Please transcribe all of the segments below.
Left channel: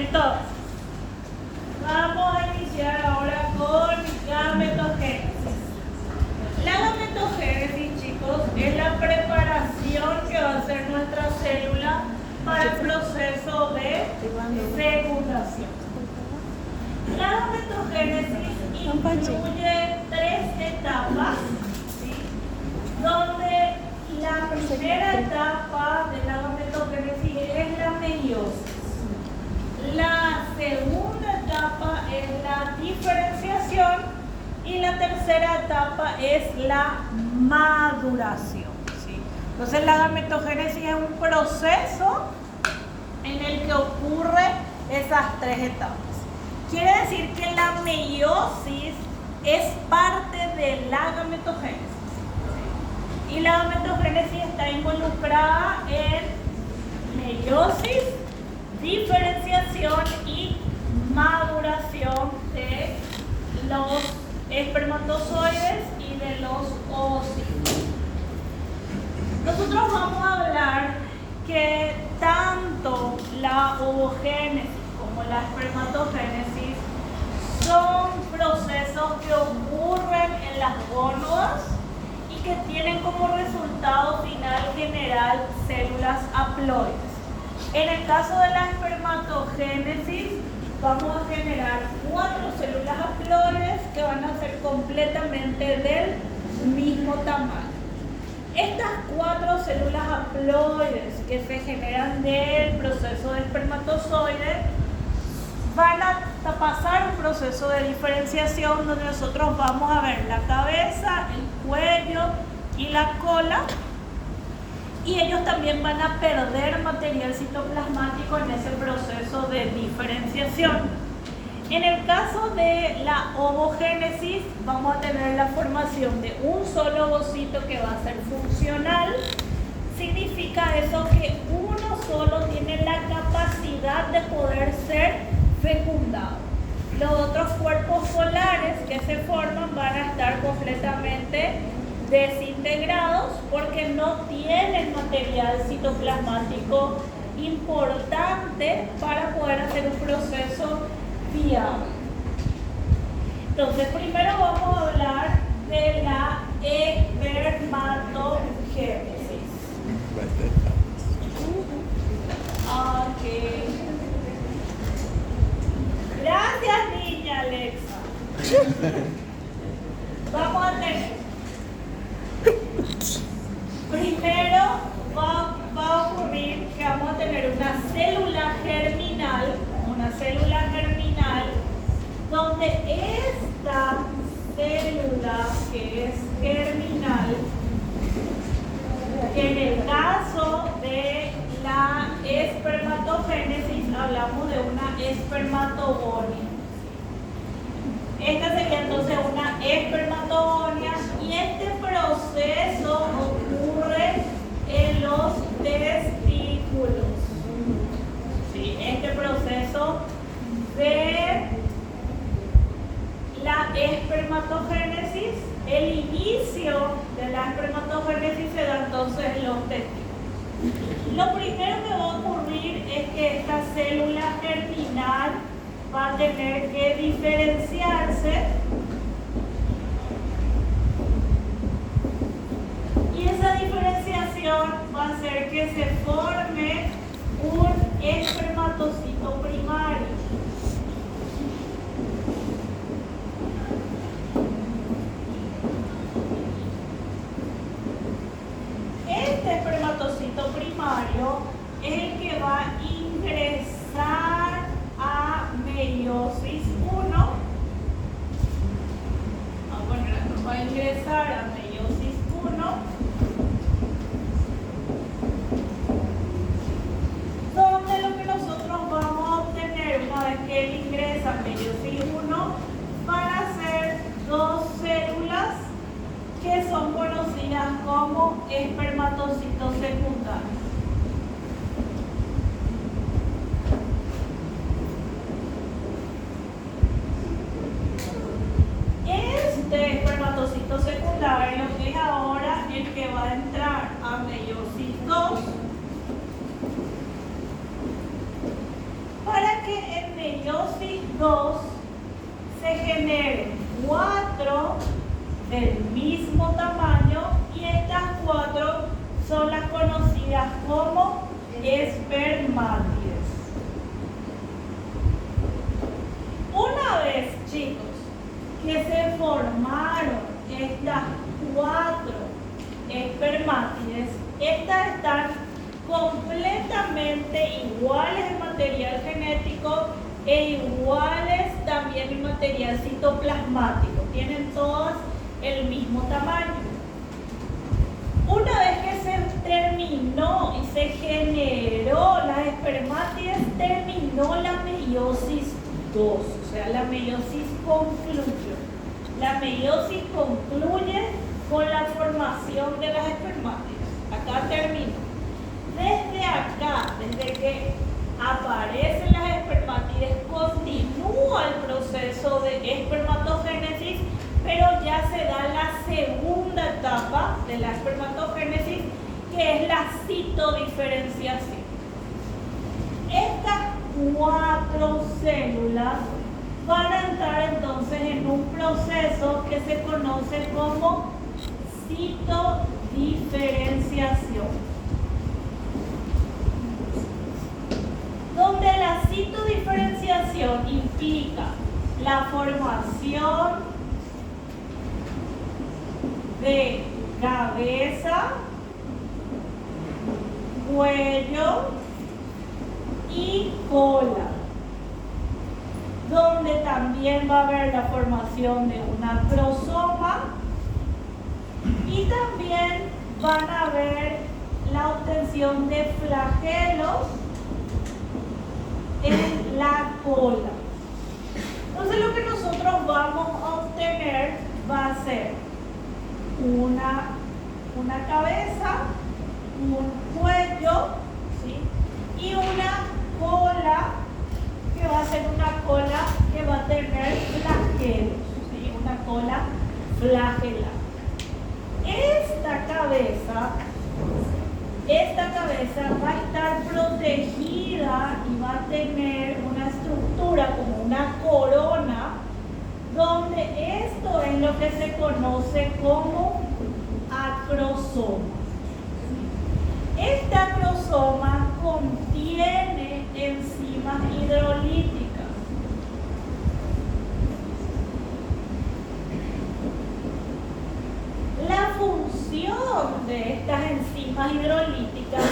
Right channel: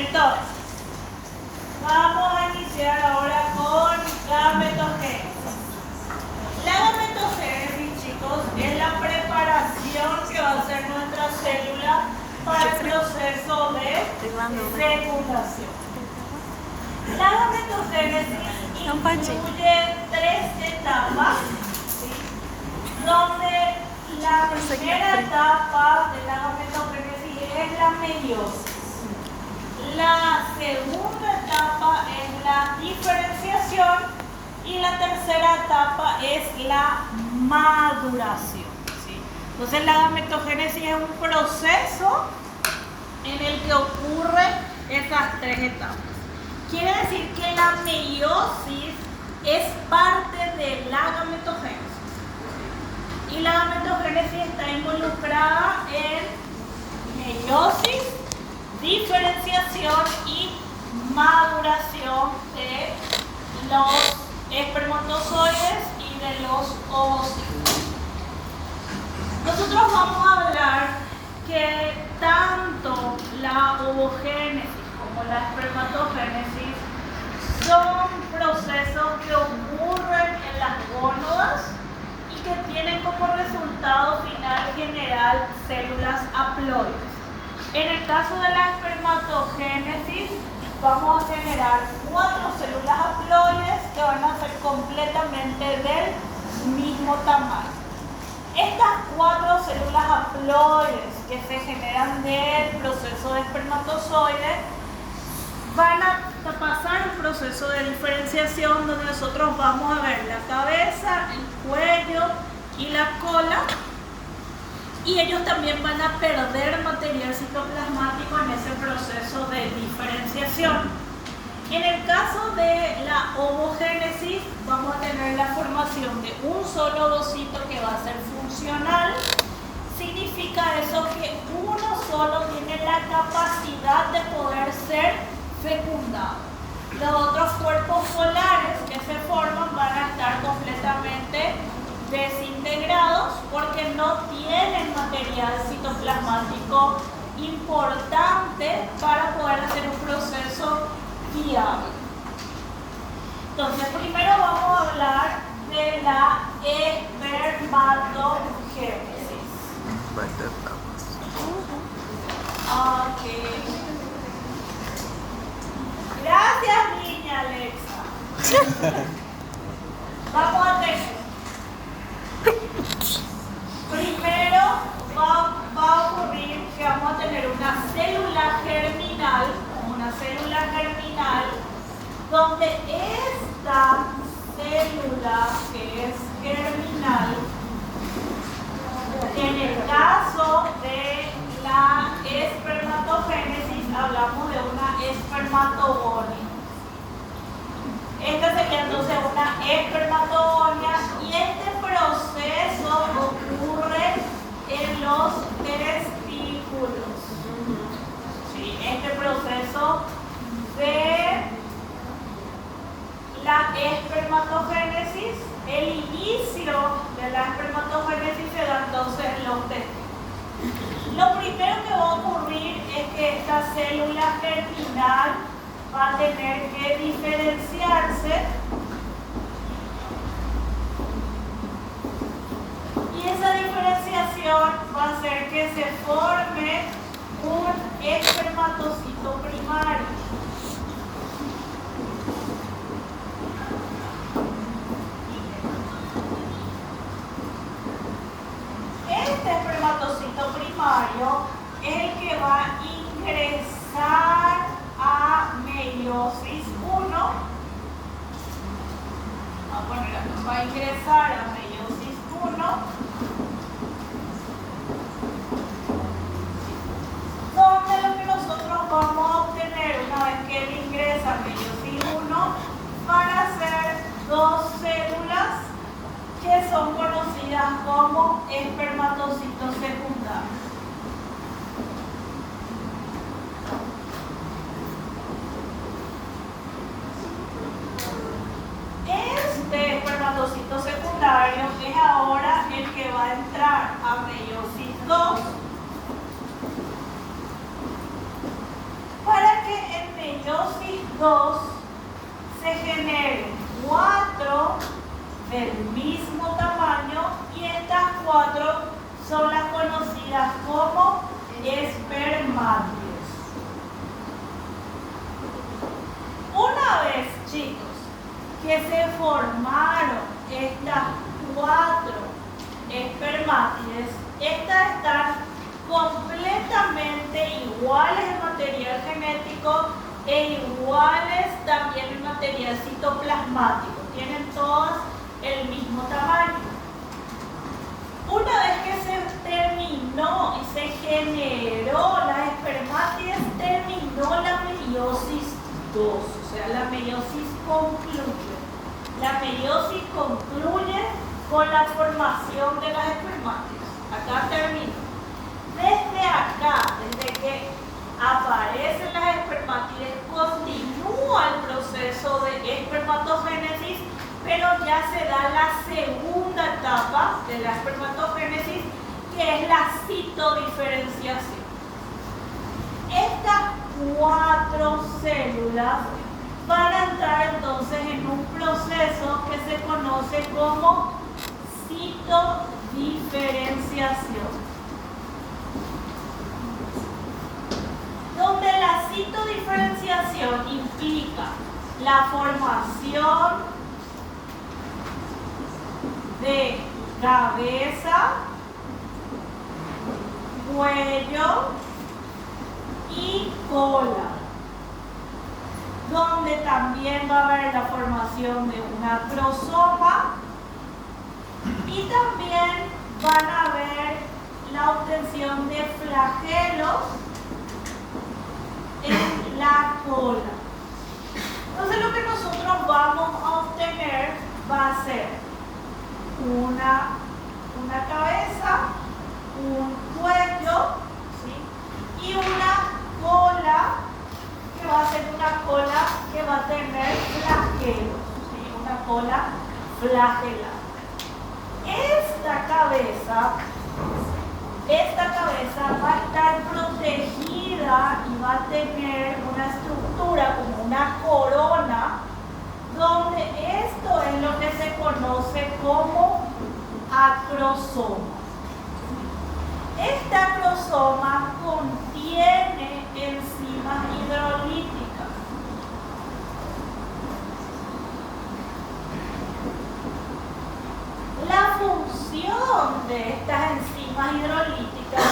Entonces, vamos a iniciar ahora con gametogénesis. La gametogénesis, chicos, es la preparación que va a hacer nuestra célula para el proceso de fecundación. La gametogénesis incluye 3 etapas, ¿sí? Donde la primera etapa de la gametogénesis es la meiosis. La segunda etapa es la diferenciación y la tercera etapa es la maduración, ¿sí? Entonces la gametogénesis es un proceso en el que ocurren esas 3 etapas. Quiere decir que la meiosis es parte de la gametogénesis. Y la gametogénesis está involucrada en meiosis, diferenciación y maduración de los espermatozoides y de los ovocitos. Nosotros vamos a hablar que tanto la ovogénesis como la espermatogénesis son procesos que ocurren en las gónadas y que tienen como resultado final general células haploides. En el caso de la espermatogénesis, vamos a generar 4 células haploides que van a ser completamente del mismo tamaño. Estas 4 células haploides que se generan del proceso de espermatozoide van a pasar un proceso de diferenciación donde nosotros vamos a ver la cabeza, el cuello y la cola. Y ellos también van a perder material citoplasmático en ese proceso de diferenciación. En el caso de la ovogénesis, vamos a tener la formación de un solo ovocito que va a ser funcional. Significa eso que uno solo tiene la capacidad de poder ser fecundado. Los otros cuerpos polares que se forman van a estar completamente desintegrados porque no tienen material citoplasmático importante para poder hacer un proceso viable. Entonces, primero vamos a hablar de la espermatogénesis. Ok. Gracias, niña Alexa. Vamos a tener. Primero va a ocurrir que vamos a tener una célula germinal, donde esta célula que es germinal, en el caso de la espermatogénesis hablamos de una espermatogonia. Esta sería entonces una espermatogonia y este proceso ocurre en los testículos. ¿Sí? Este proceso de la espermatogénesis, el inicio de la espermatogénesis se da entonces en los testículos. Lo primero que va a ocurrir es que esta célula germinal va a tener que diferenciarse y esa diferenciación va a hacer que se forme un espermatocito primario. Este espermatocito primario es el que va a ingresar a meiosis 1. Va a ingresar a meiosis 1, donde lo que nosotros vamos a obtener una vez que él ingresa a meiosis 1 van a ser 2 células que son conocidas como espermatocitos secundarios. Este espermatocito secundario es ahora el que va a entrar a meiosis 2 para que cuatro son las conocidas como espermátides. Una vez, chicos, que se formaron estas cuatro espermátides, estas están completamente iguales en material genético e iguales también en material citoplasmático. Tienen todas el mismo tamaño. Una vez que se terminó y se generó las espermátides, terminó la meiosis 2, o sea, la meiosis concluye. La meiosis concluye con la formación de las espermátides. Acá termina. Desde acá, desde que aparecen las espermátides, continúa el proceso de espermatogénesis, pero ya se da la segunda etapa de la espermatogénesis, que es la citodiferenciación. Estas cuatro células van a entrar entonces en un proceso que se conoce como citodiferenciación, donde la citodiferenciación implica la formación de cabeza, cuello y cola, donde también va a haber la formación de un acrosoma y también van a ver la obtención de flagelos en la cola. Entonces lo que nosotros vamos a obtener va a ser una cabeza, un cuello, ¿sí? Y una cola, que va a ser una cola que va a tener flagelos, ¿sí? Una cola flagelada. Esta cabeza va a estar protegida y va a tener una estructura como una corona, donde esto es lo que se conoce como acrosoma. Este acrosoma contiene enzimas hidrolíticas. La función de estas enzimas hidrolíticas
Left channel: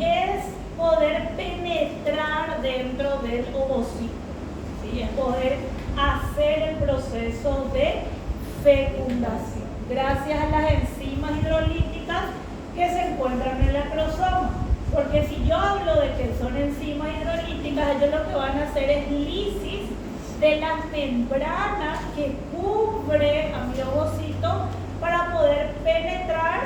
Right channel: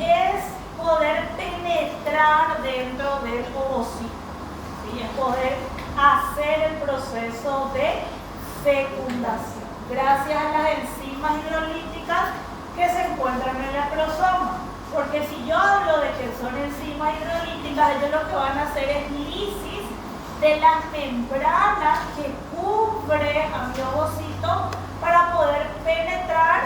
es poder penetrar dentro del ovocito, ¿sí? Es poder hacer el proceso de fecundación gracias a las enzimas hidrolíticas que se encuentran en el acrosoma. Porque si yo hablo de que son enzimas hidrolíticas, ellos lo que van a hacer es lisis de la membrana que cubre a mi ovocito para poder penetrar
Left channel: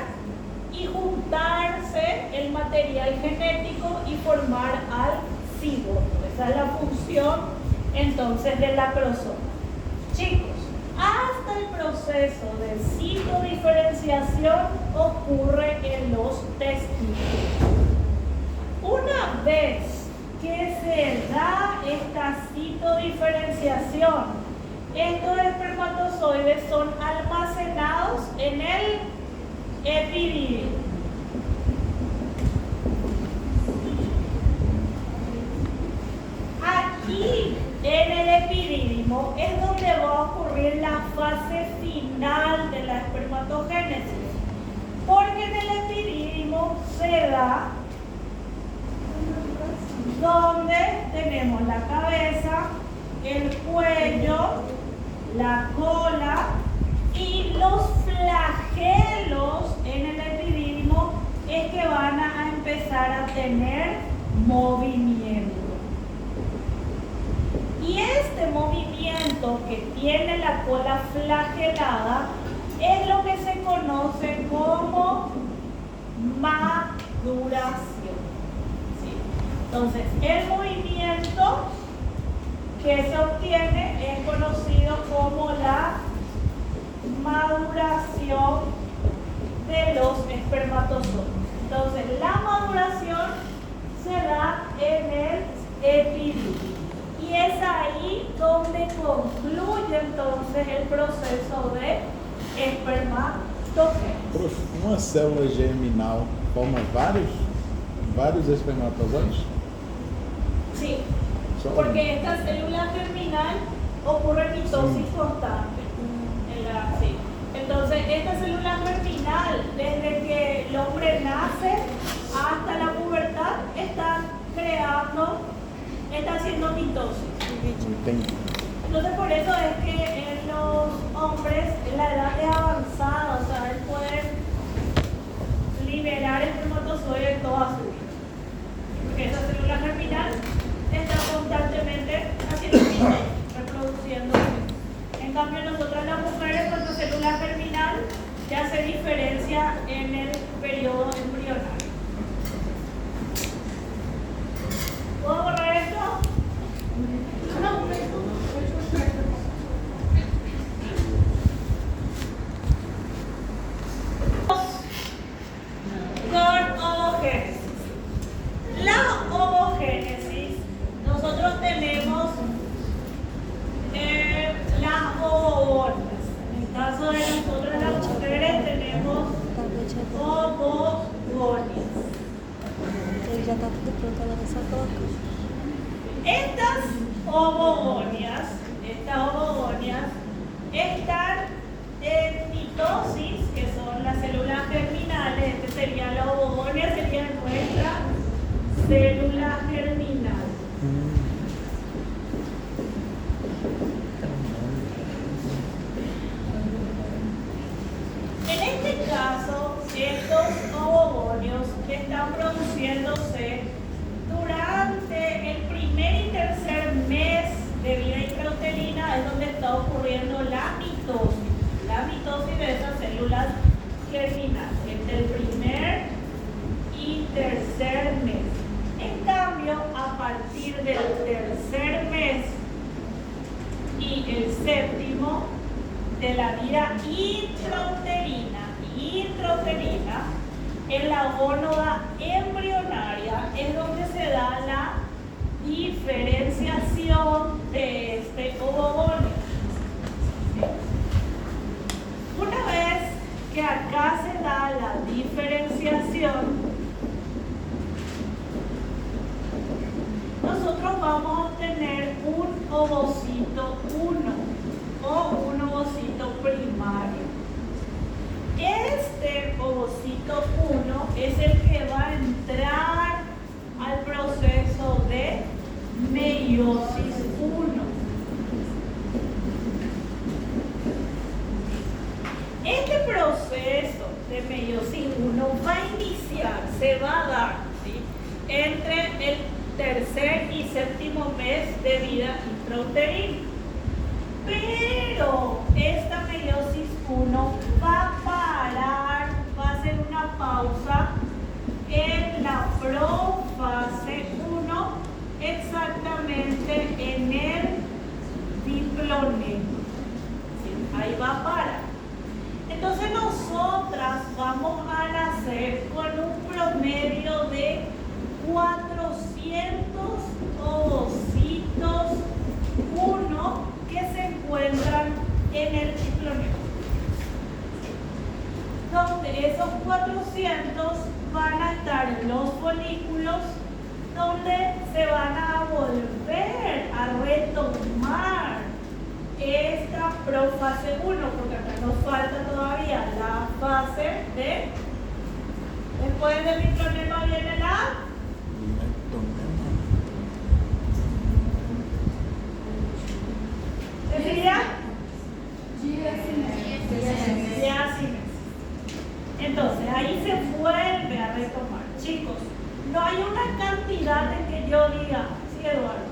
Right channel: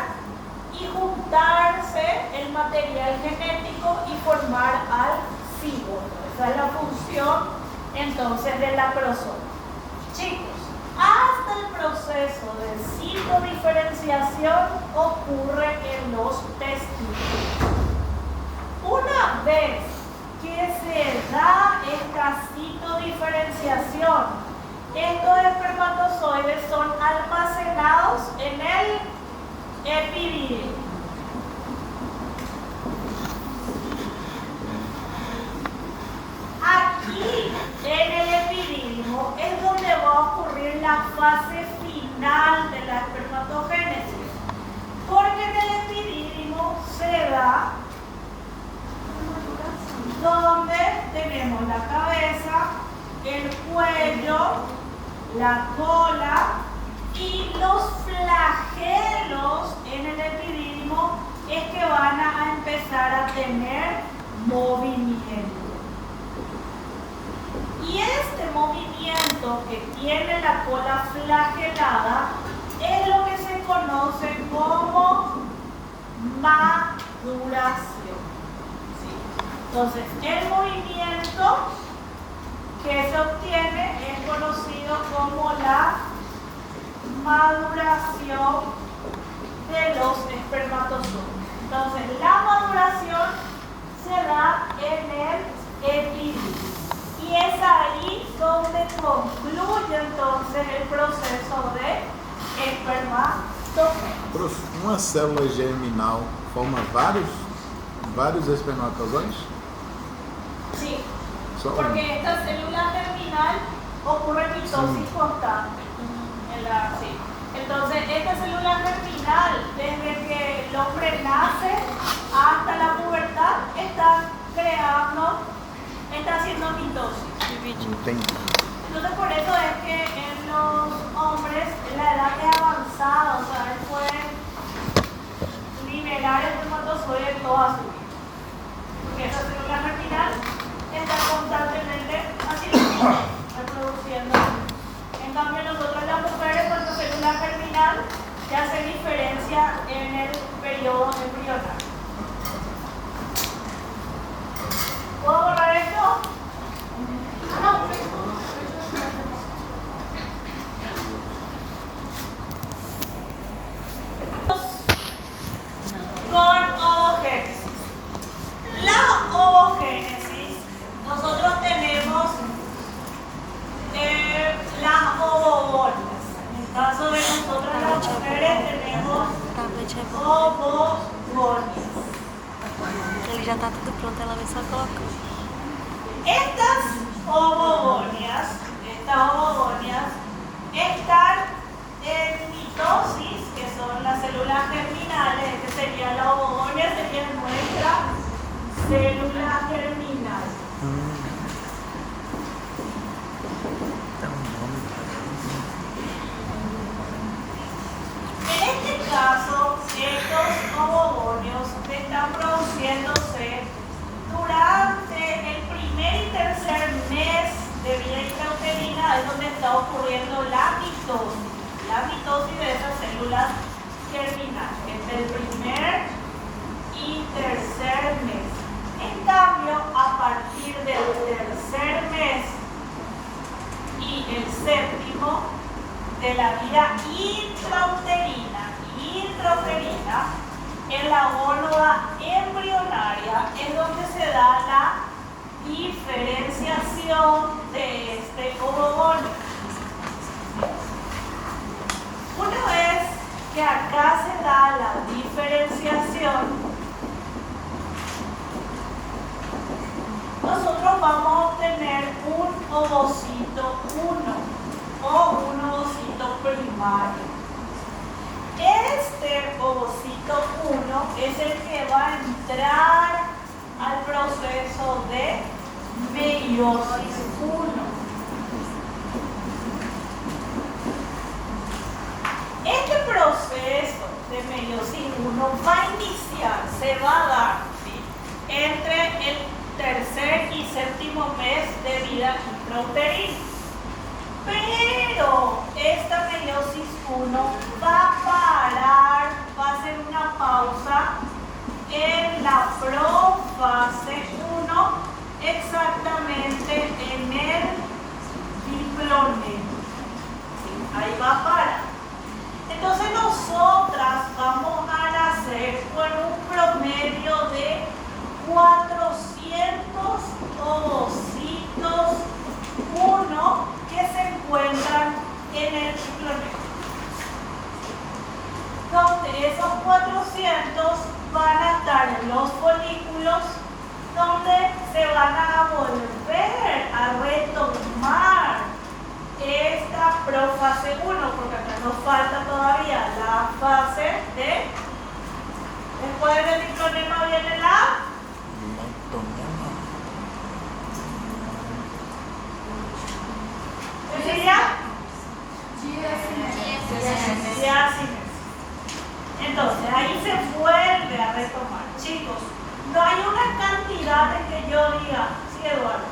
y juntarse el material genético y formar al cigoto. Esa es la función entonces del acrosoma. Chicos, hasta el proceso de citodiferenciación ocurre en los testículos. Una vez que se da esta citodiferenciación, estos espermatozoides son almacenados en el epididio. Aquí en el epidídimo es donde va a ocurrir la fase final de la espermatogénesis, porque en el epidídimo se da donde tenemos la cabeza, el cuello, la cola y los flagelos en el epidídimo es que van a empezar a tener movimiento. Y este movimiento que tiene la cola flagelada es lo que se conoce como maduración. ¿Sí? Entonces, el movimiento que se obtiene es conocido como la maduración de los espermatozoides. Entonces, la maduración se da en el epidídimo. Y es ahí donde concluye entonces el proceso de espermatogénesis. gametogênese. Uma célula germinal forma vários espermatozoides? Sí, Só porque esta célula germinal ocurre mitosis constante. Sí. Entonces, esta célula germinal, desde que el hombre nace hasta la pubertad, está haciendo mitosis. Entendi. Entonces, por eso es que en los hombres la edad es avanzada, o sea, él puede liberar el espermatozoide toda su vida. Porque esa célula germinal está constantemente reproduciendo. En cambio, nosotros las mujeres, nuestra célula germinal ya se diferencia en el periodo embrionario. ¿Puedo borrar esto? Con ovogénesis. La ovogénesis, nosotros tenemos las ovogonias. En el caso de nosotras las mujeres tenemos ovogonias. Ele já está tudo pronto, ela vai só colocar. Estas ovogonias están en mitosis, que son las células germinales. Este sería la ovogonia, sería nuestra célula germinal. En este caso, estos ovogonios están produciéndose durante el primer y tercer mes de vida intrauterina, es donde está ocurriendo la mitosis de esas células germinales, entre el primer y tercer mes. En cambio, a partir del tercer mes y el séptimo de la vida intrauterina, en la gónada embrionaria es donde se da la diferenciación de este ovogonio. Una vez que acá se da la diferenciación, nosotros vamos a obtener un ovocito 1 o un ovocito primario. Este ovocito 1 es el que va a entrar al proceso de meiosis 1. Este proceso de meiosis 1 va a iniciar, se va a dar, ¿sí?, entre el tercer y séptimo mes de vida intrauterina. Pero esta meiosis 1 va a parar, va a hacer una pausa en la profase 1, exactamente en el diploneto. ¿Sí? Ahí va a parar. Entonces nosotras vamos a nacer con un promedio de 400 ovocitos 1 que se encuentran en el diploneto, donde esos 400 van a estar en los folículos, donde se van a volver a retomar esta profase 1, porque acá nos falta todavía la fase de, después del diplonema viene la diácisis. Entonces ahí se vuelve a retomar. Chicos, no hay una cantidad en que yo diga, sí, Eduardo,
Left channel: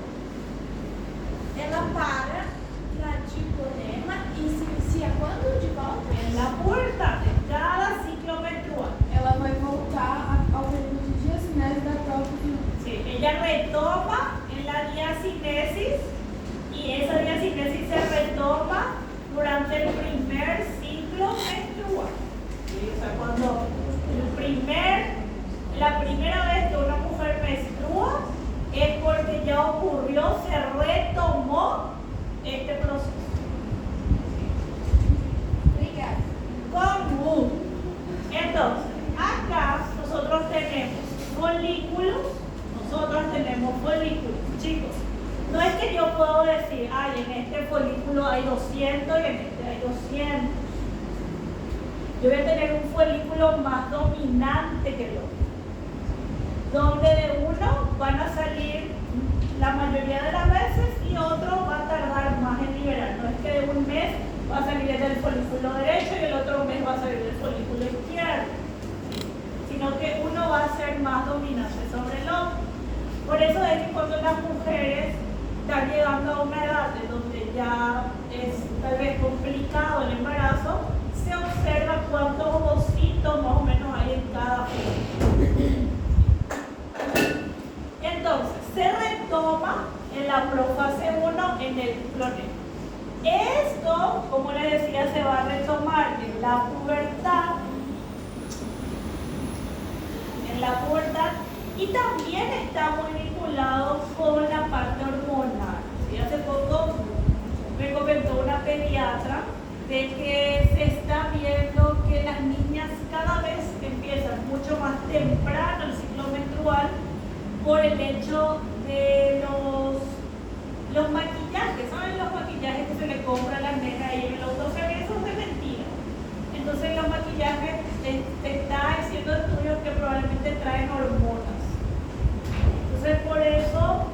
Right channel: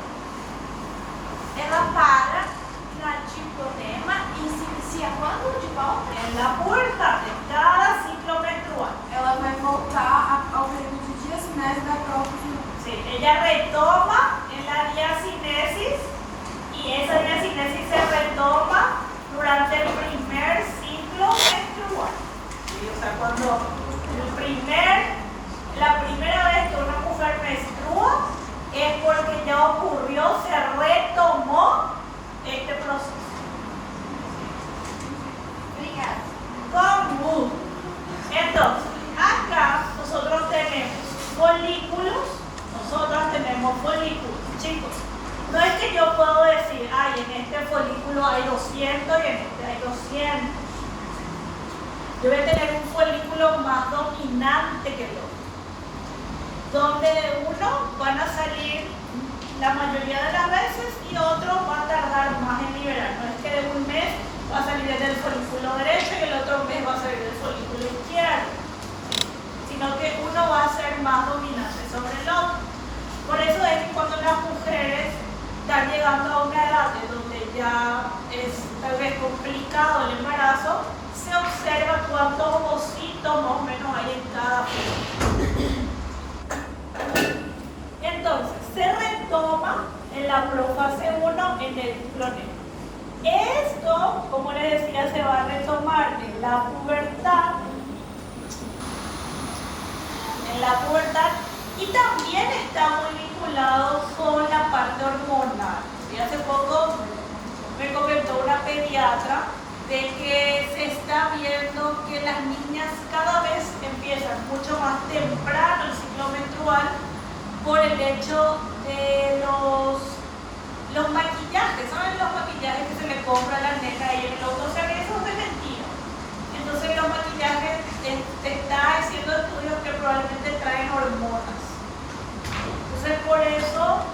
Ela para na diploema e se inicia quando de volta? en la puerta de cada ciclo menstrual. Ela vai voltar ao período de diacinese da própria. Sí, ella retoma en la diacinesis y esa diacinesis se retoma durante el primer ciclo menstrual. ¿Sí? O sea, cuando la primera vez que una mujer menstrua es porque ya ocurrió, se retomó este proceso. Obrigada. Común. folículos, nosotras tenemos folículos, chicos. No es que yo puedo decir, ay, en este folículo hay 200 y en este hay 200. Yo voy a tener un folículo más dominante que el otro, donde de uno van a salir la mayoría de las veces y otro va a tardar más en liberar. No es que de un mes va a salir desde el folículo derecho y el otro mes va a salir del folículo izquierdo, sino que uno va a ser más dominante sobre el otro. Por eso es que cuando las mujeres están llegando a una edad en donde ya es tal vez complicado el embarazo, se observa cuántos ovocitos más o menos hay en cada folículo. Entonces, se retoma en la profase 1 en el cloneo. Esto, como les decía, se va a retomar en la pubertad. Y también está muy vinculado con la parte hormonal. Y hace poco me comentó una pediatra de que se está viendo que las niñas cada vez empiezan mucho más temprano el ciclo menstrual por el hecho de los maquillajes. ¿Saben los maquillajes que se le compra a la nena y el otro? O sea, que eso es de mentira. Entonces los maquillajes, te está haciendo estudios que probablemente traen hormonas. Entonces por eso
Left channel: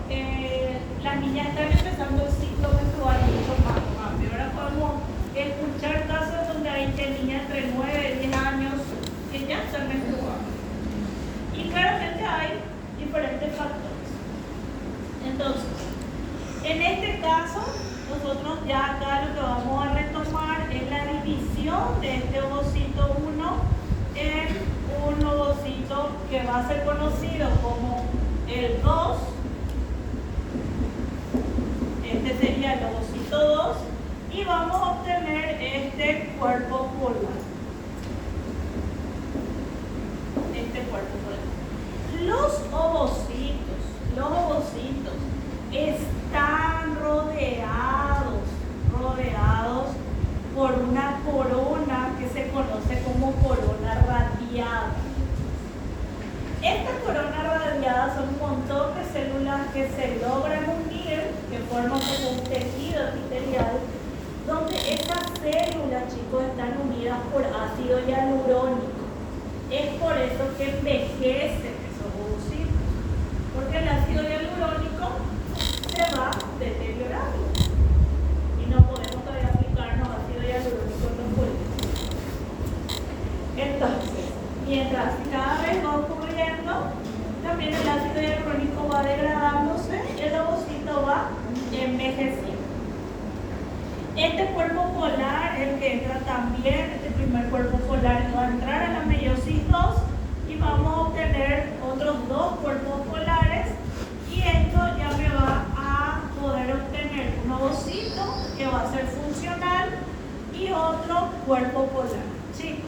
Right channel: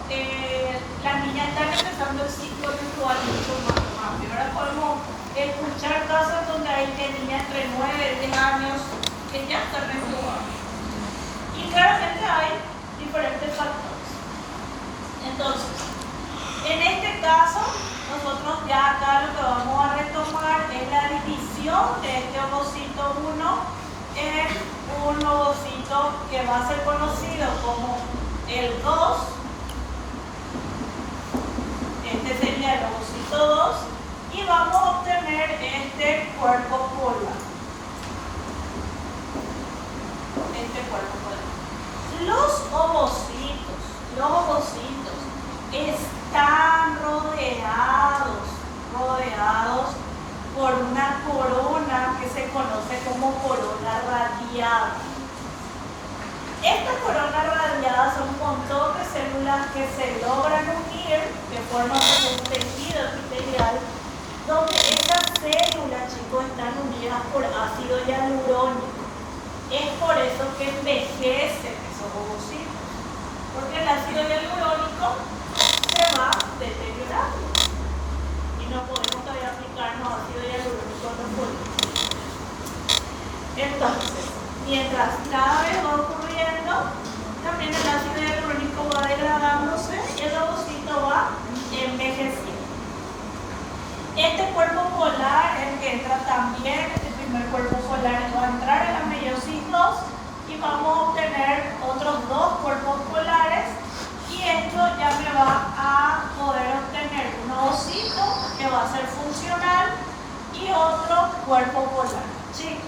las niñas están empezando el ciclo menstrual mucho más rápido. Ahora podemos escuchar casos donde hay niñas entre 9 y 10 años que ya están menstruando. Y claramente hay diferentes factores. Entonces, en este caso, nosotros ya acá lo que vamos a retomar es la división de este ovocito 1 en un ovocito que va a ser conocido como el 2. Este sería el ovocito 2 y vamos a obtener este cuerpo polar. Los ovocitos están rodeados por una corona que se conoce como corona radiada. Estas coronas radiadas son un montón de células que se logran unir de forma como un tejido epitelial, donde estas células, chicos, están unidas por ácido hialurónico. Es por eso que envejecen esos ovocitos, porque el ácido hialurónico se va deteriorando y no podemos todavía aplicarnos ácido hialurónico en los folículos. Entonces, mientras cada vez va ocurriendo, también el ácido hialurónico va degradándose y el ovocito va envejeciendo. Este cuerpo polar es el que entra también, este primer cuerpo polar va a entrar en la meiosis 2 y vamos a obtener otros dos cuerpos polares y esto ya me va a poder obtener un ovocito que va a ser funcional y otro cuerpo polar. Chicos,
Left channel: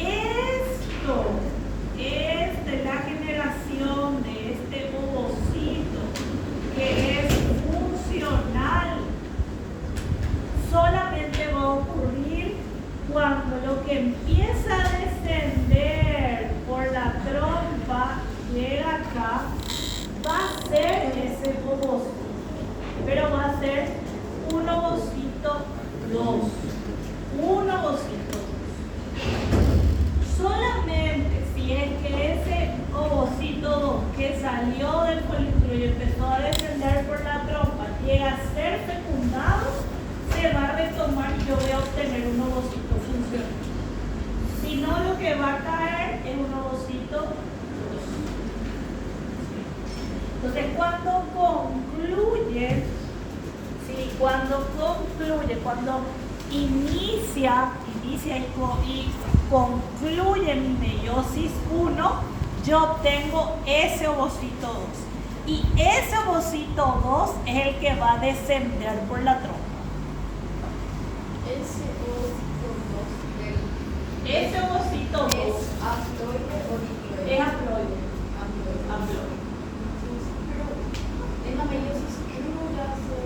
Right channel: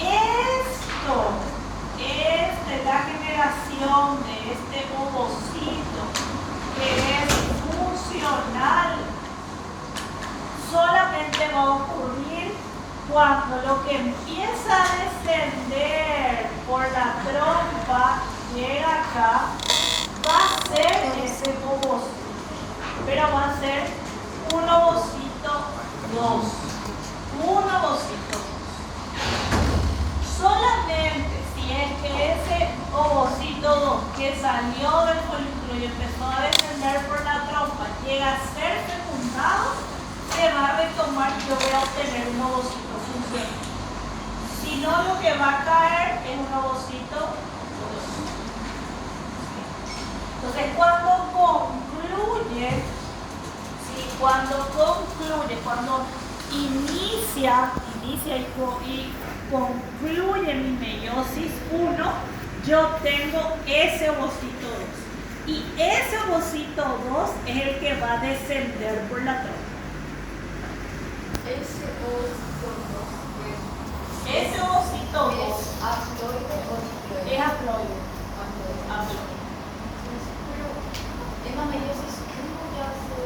esto es de la generación de este ovocito que es funcional. Solamente va a ocurrir cuando lo que empieza a descender por la trompa llega acá, va a ser ese ovocito, pero va a ser un ovocito 2. Un ovocito 2. Solamente si es que ese ovocito 2 que salió del folículo y empezó a descender por la trompa llega a ser fecundado, se va a retomar y yo voy a obtener un ovocito funcional. Si no, lo que va a caer es un ovocito 2. Entonces, cuando inicia y concluye mi meiosis 1, yo obtengo ese ovocito 2. Y ese ovocito 2 es el que va a descender por la trompa. Ese ovocito 2 ¿Es haploide o diploide? es haploide. En la meiosis 1 ya se...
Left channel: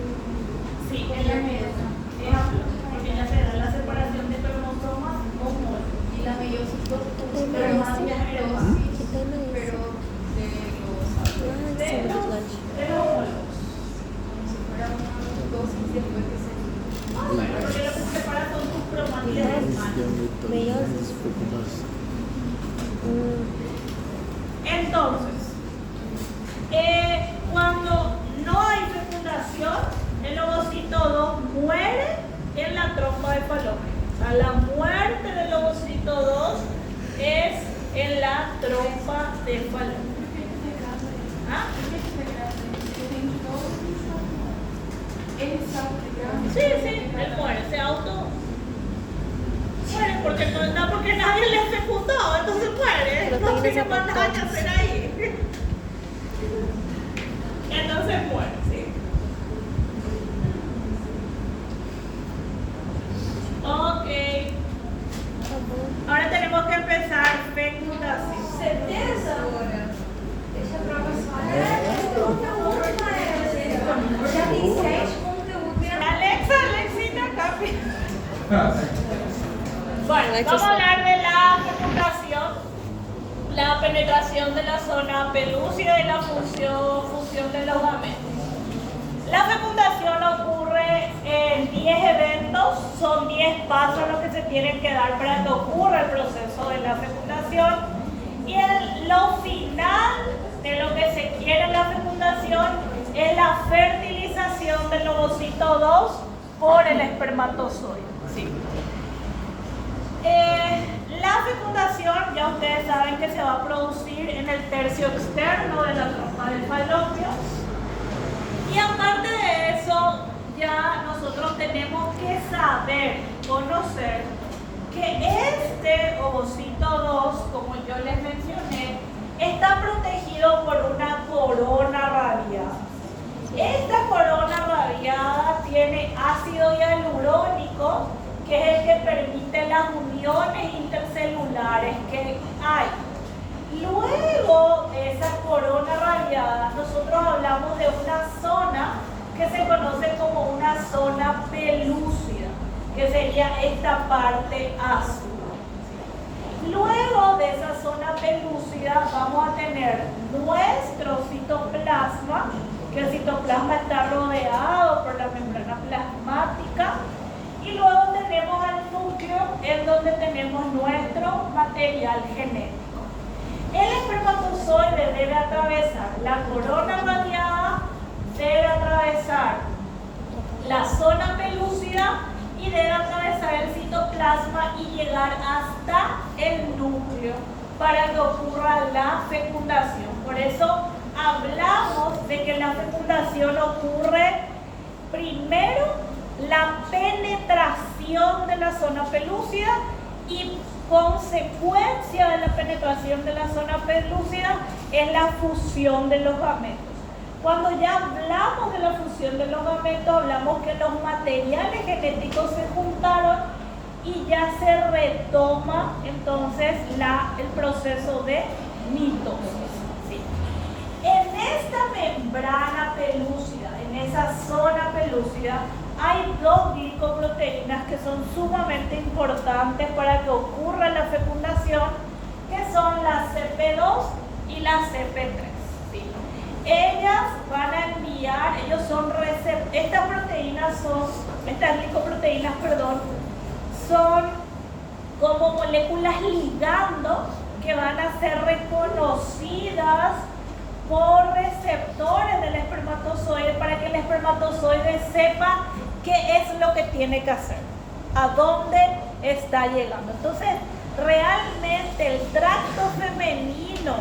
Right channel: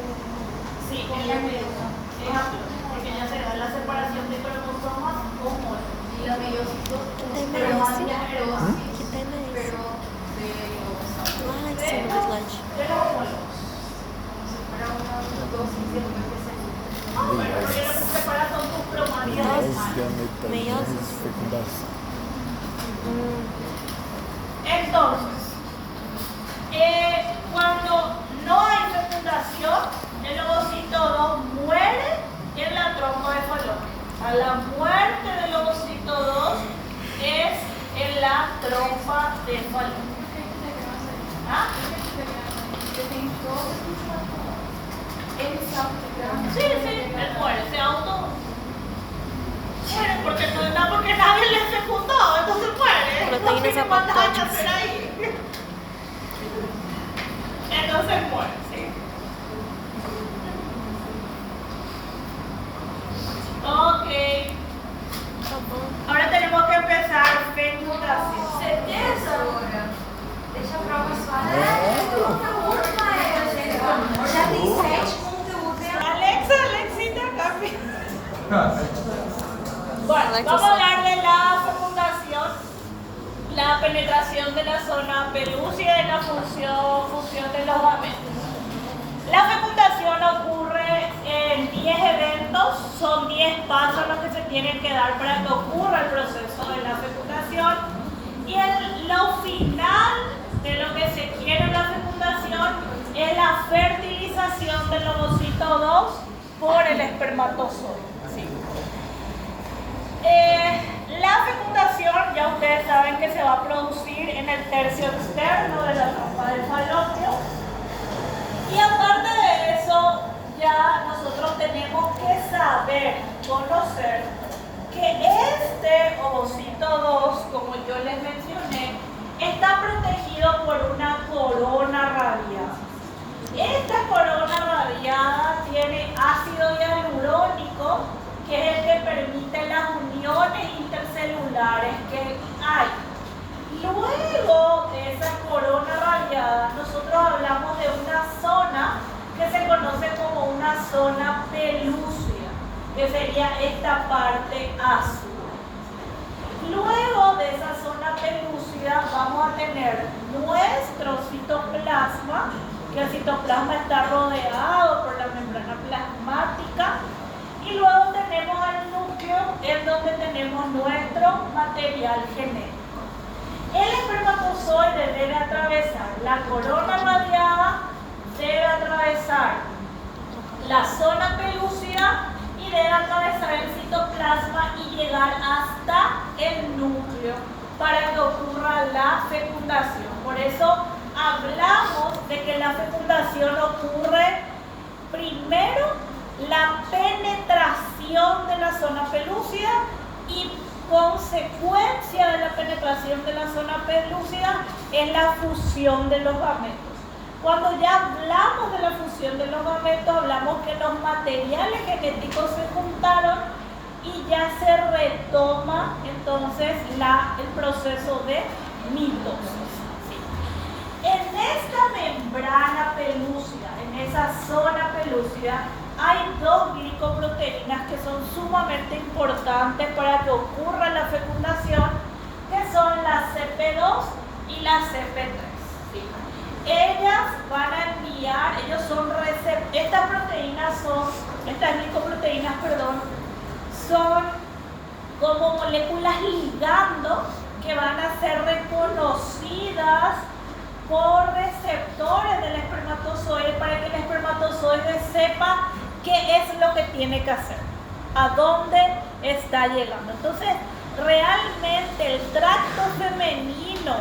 Sí, en la meiosis es haploide, porque ya se da la separación de cromosomas homólogos. Y la meiosis 2 ¿Qué pero más meiosis? meiosis, ¿Qué meiosis? pero Entonces, cuando no hay fecundación, el ovocito 2 muere en la trompa de falopio. A la muerte del ovocito 2 es en la trompa de falopio. ¿Ah? Sí, él muere, se auto muere porque no, porque nadie le fecundó, entonces muere. Proteínas No tiene más nada que apoptóticas. hacer ahí. Entonces muere, sí. Ok. Ahora tenemos que empezar fecundación. Certeza? Deixa a prova só. Conteúdo, mas já tem 7 conteúdos. Alexita, café. Bueno, Alexa, vamos a stop. hablar de la fecundación, la penetración de la zona pelúcida y la función de los gametos. La fecundación ocurre en 10 eventos, son 10 pasos los que se tienen que dar para que ocurra el proceso de la fecundación. Y lo final de lo que se quiere en la fecundación es la fertilización del ovocito 2 por el espermatozoide. Sí. La fecundación, ya ustedes saben que se va a producir en el tercio externo de la trompa del falopio. Y aparte de eso, ya nosotros tenemos que saber, conocer, que este ovocito 2, como yo les mencioné, está protegido por una corona radiada. Esta corona radiada tiene ácido hialurónico, que es el que permite las uniones intercelulares que hay. Luego de esa corona radiada, nosotros hablamos de una zona que se conoce como una zona pelúcida, que sería esta parte azul. Luego de esa zona pelúcida vamos a tener nuestro citoplasma, que el citoplasma está rodeado por la membrana plasmática. Y luego tenemos el núcleo, en donde tenemos nuestro material genético. El espermatozoide debe atravesar la corona radiada, debe atravesar la zona pelúcida y debe atravesar el citoplasma y llegar hasta el núcleo para que ocurra la fecundación. Por eso hablamos de que la fecundación ocurre primero la penetración de la zona pelúcida y consecuencia de la penetración de la zona pelúcida es la fusión de los gametos. Cuando ya hablamos de la fusión de los gametos, hablamos que los materiales genéticos se juntaron y ya se retoma entonces el proceso de mitosis. ¿Sí? En esta membrana pelúcida, en esa zona pelúcida, hay dos glicoproteínas que son sumamente importantes para que ocurra la fecundación, que son la CP2 y la CP3. ¿Sí? Ellas van a enviar, estas glicoproteínas, son como moléculas ligando que van a ser reconocidas por receptores del espermatozoide para que el espermatozoide sepa qué es lo que tiene que hacer, a dónde está llegando. Entonces, realmente el tracto femenino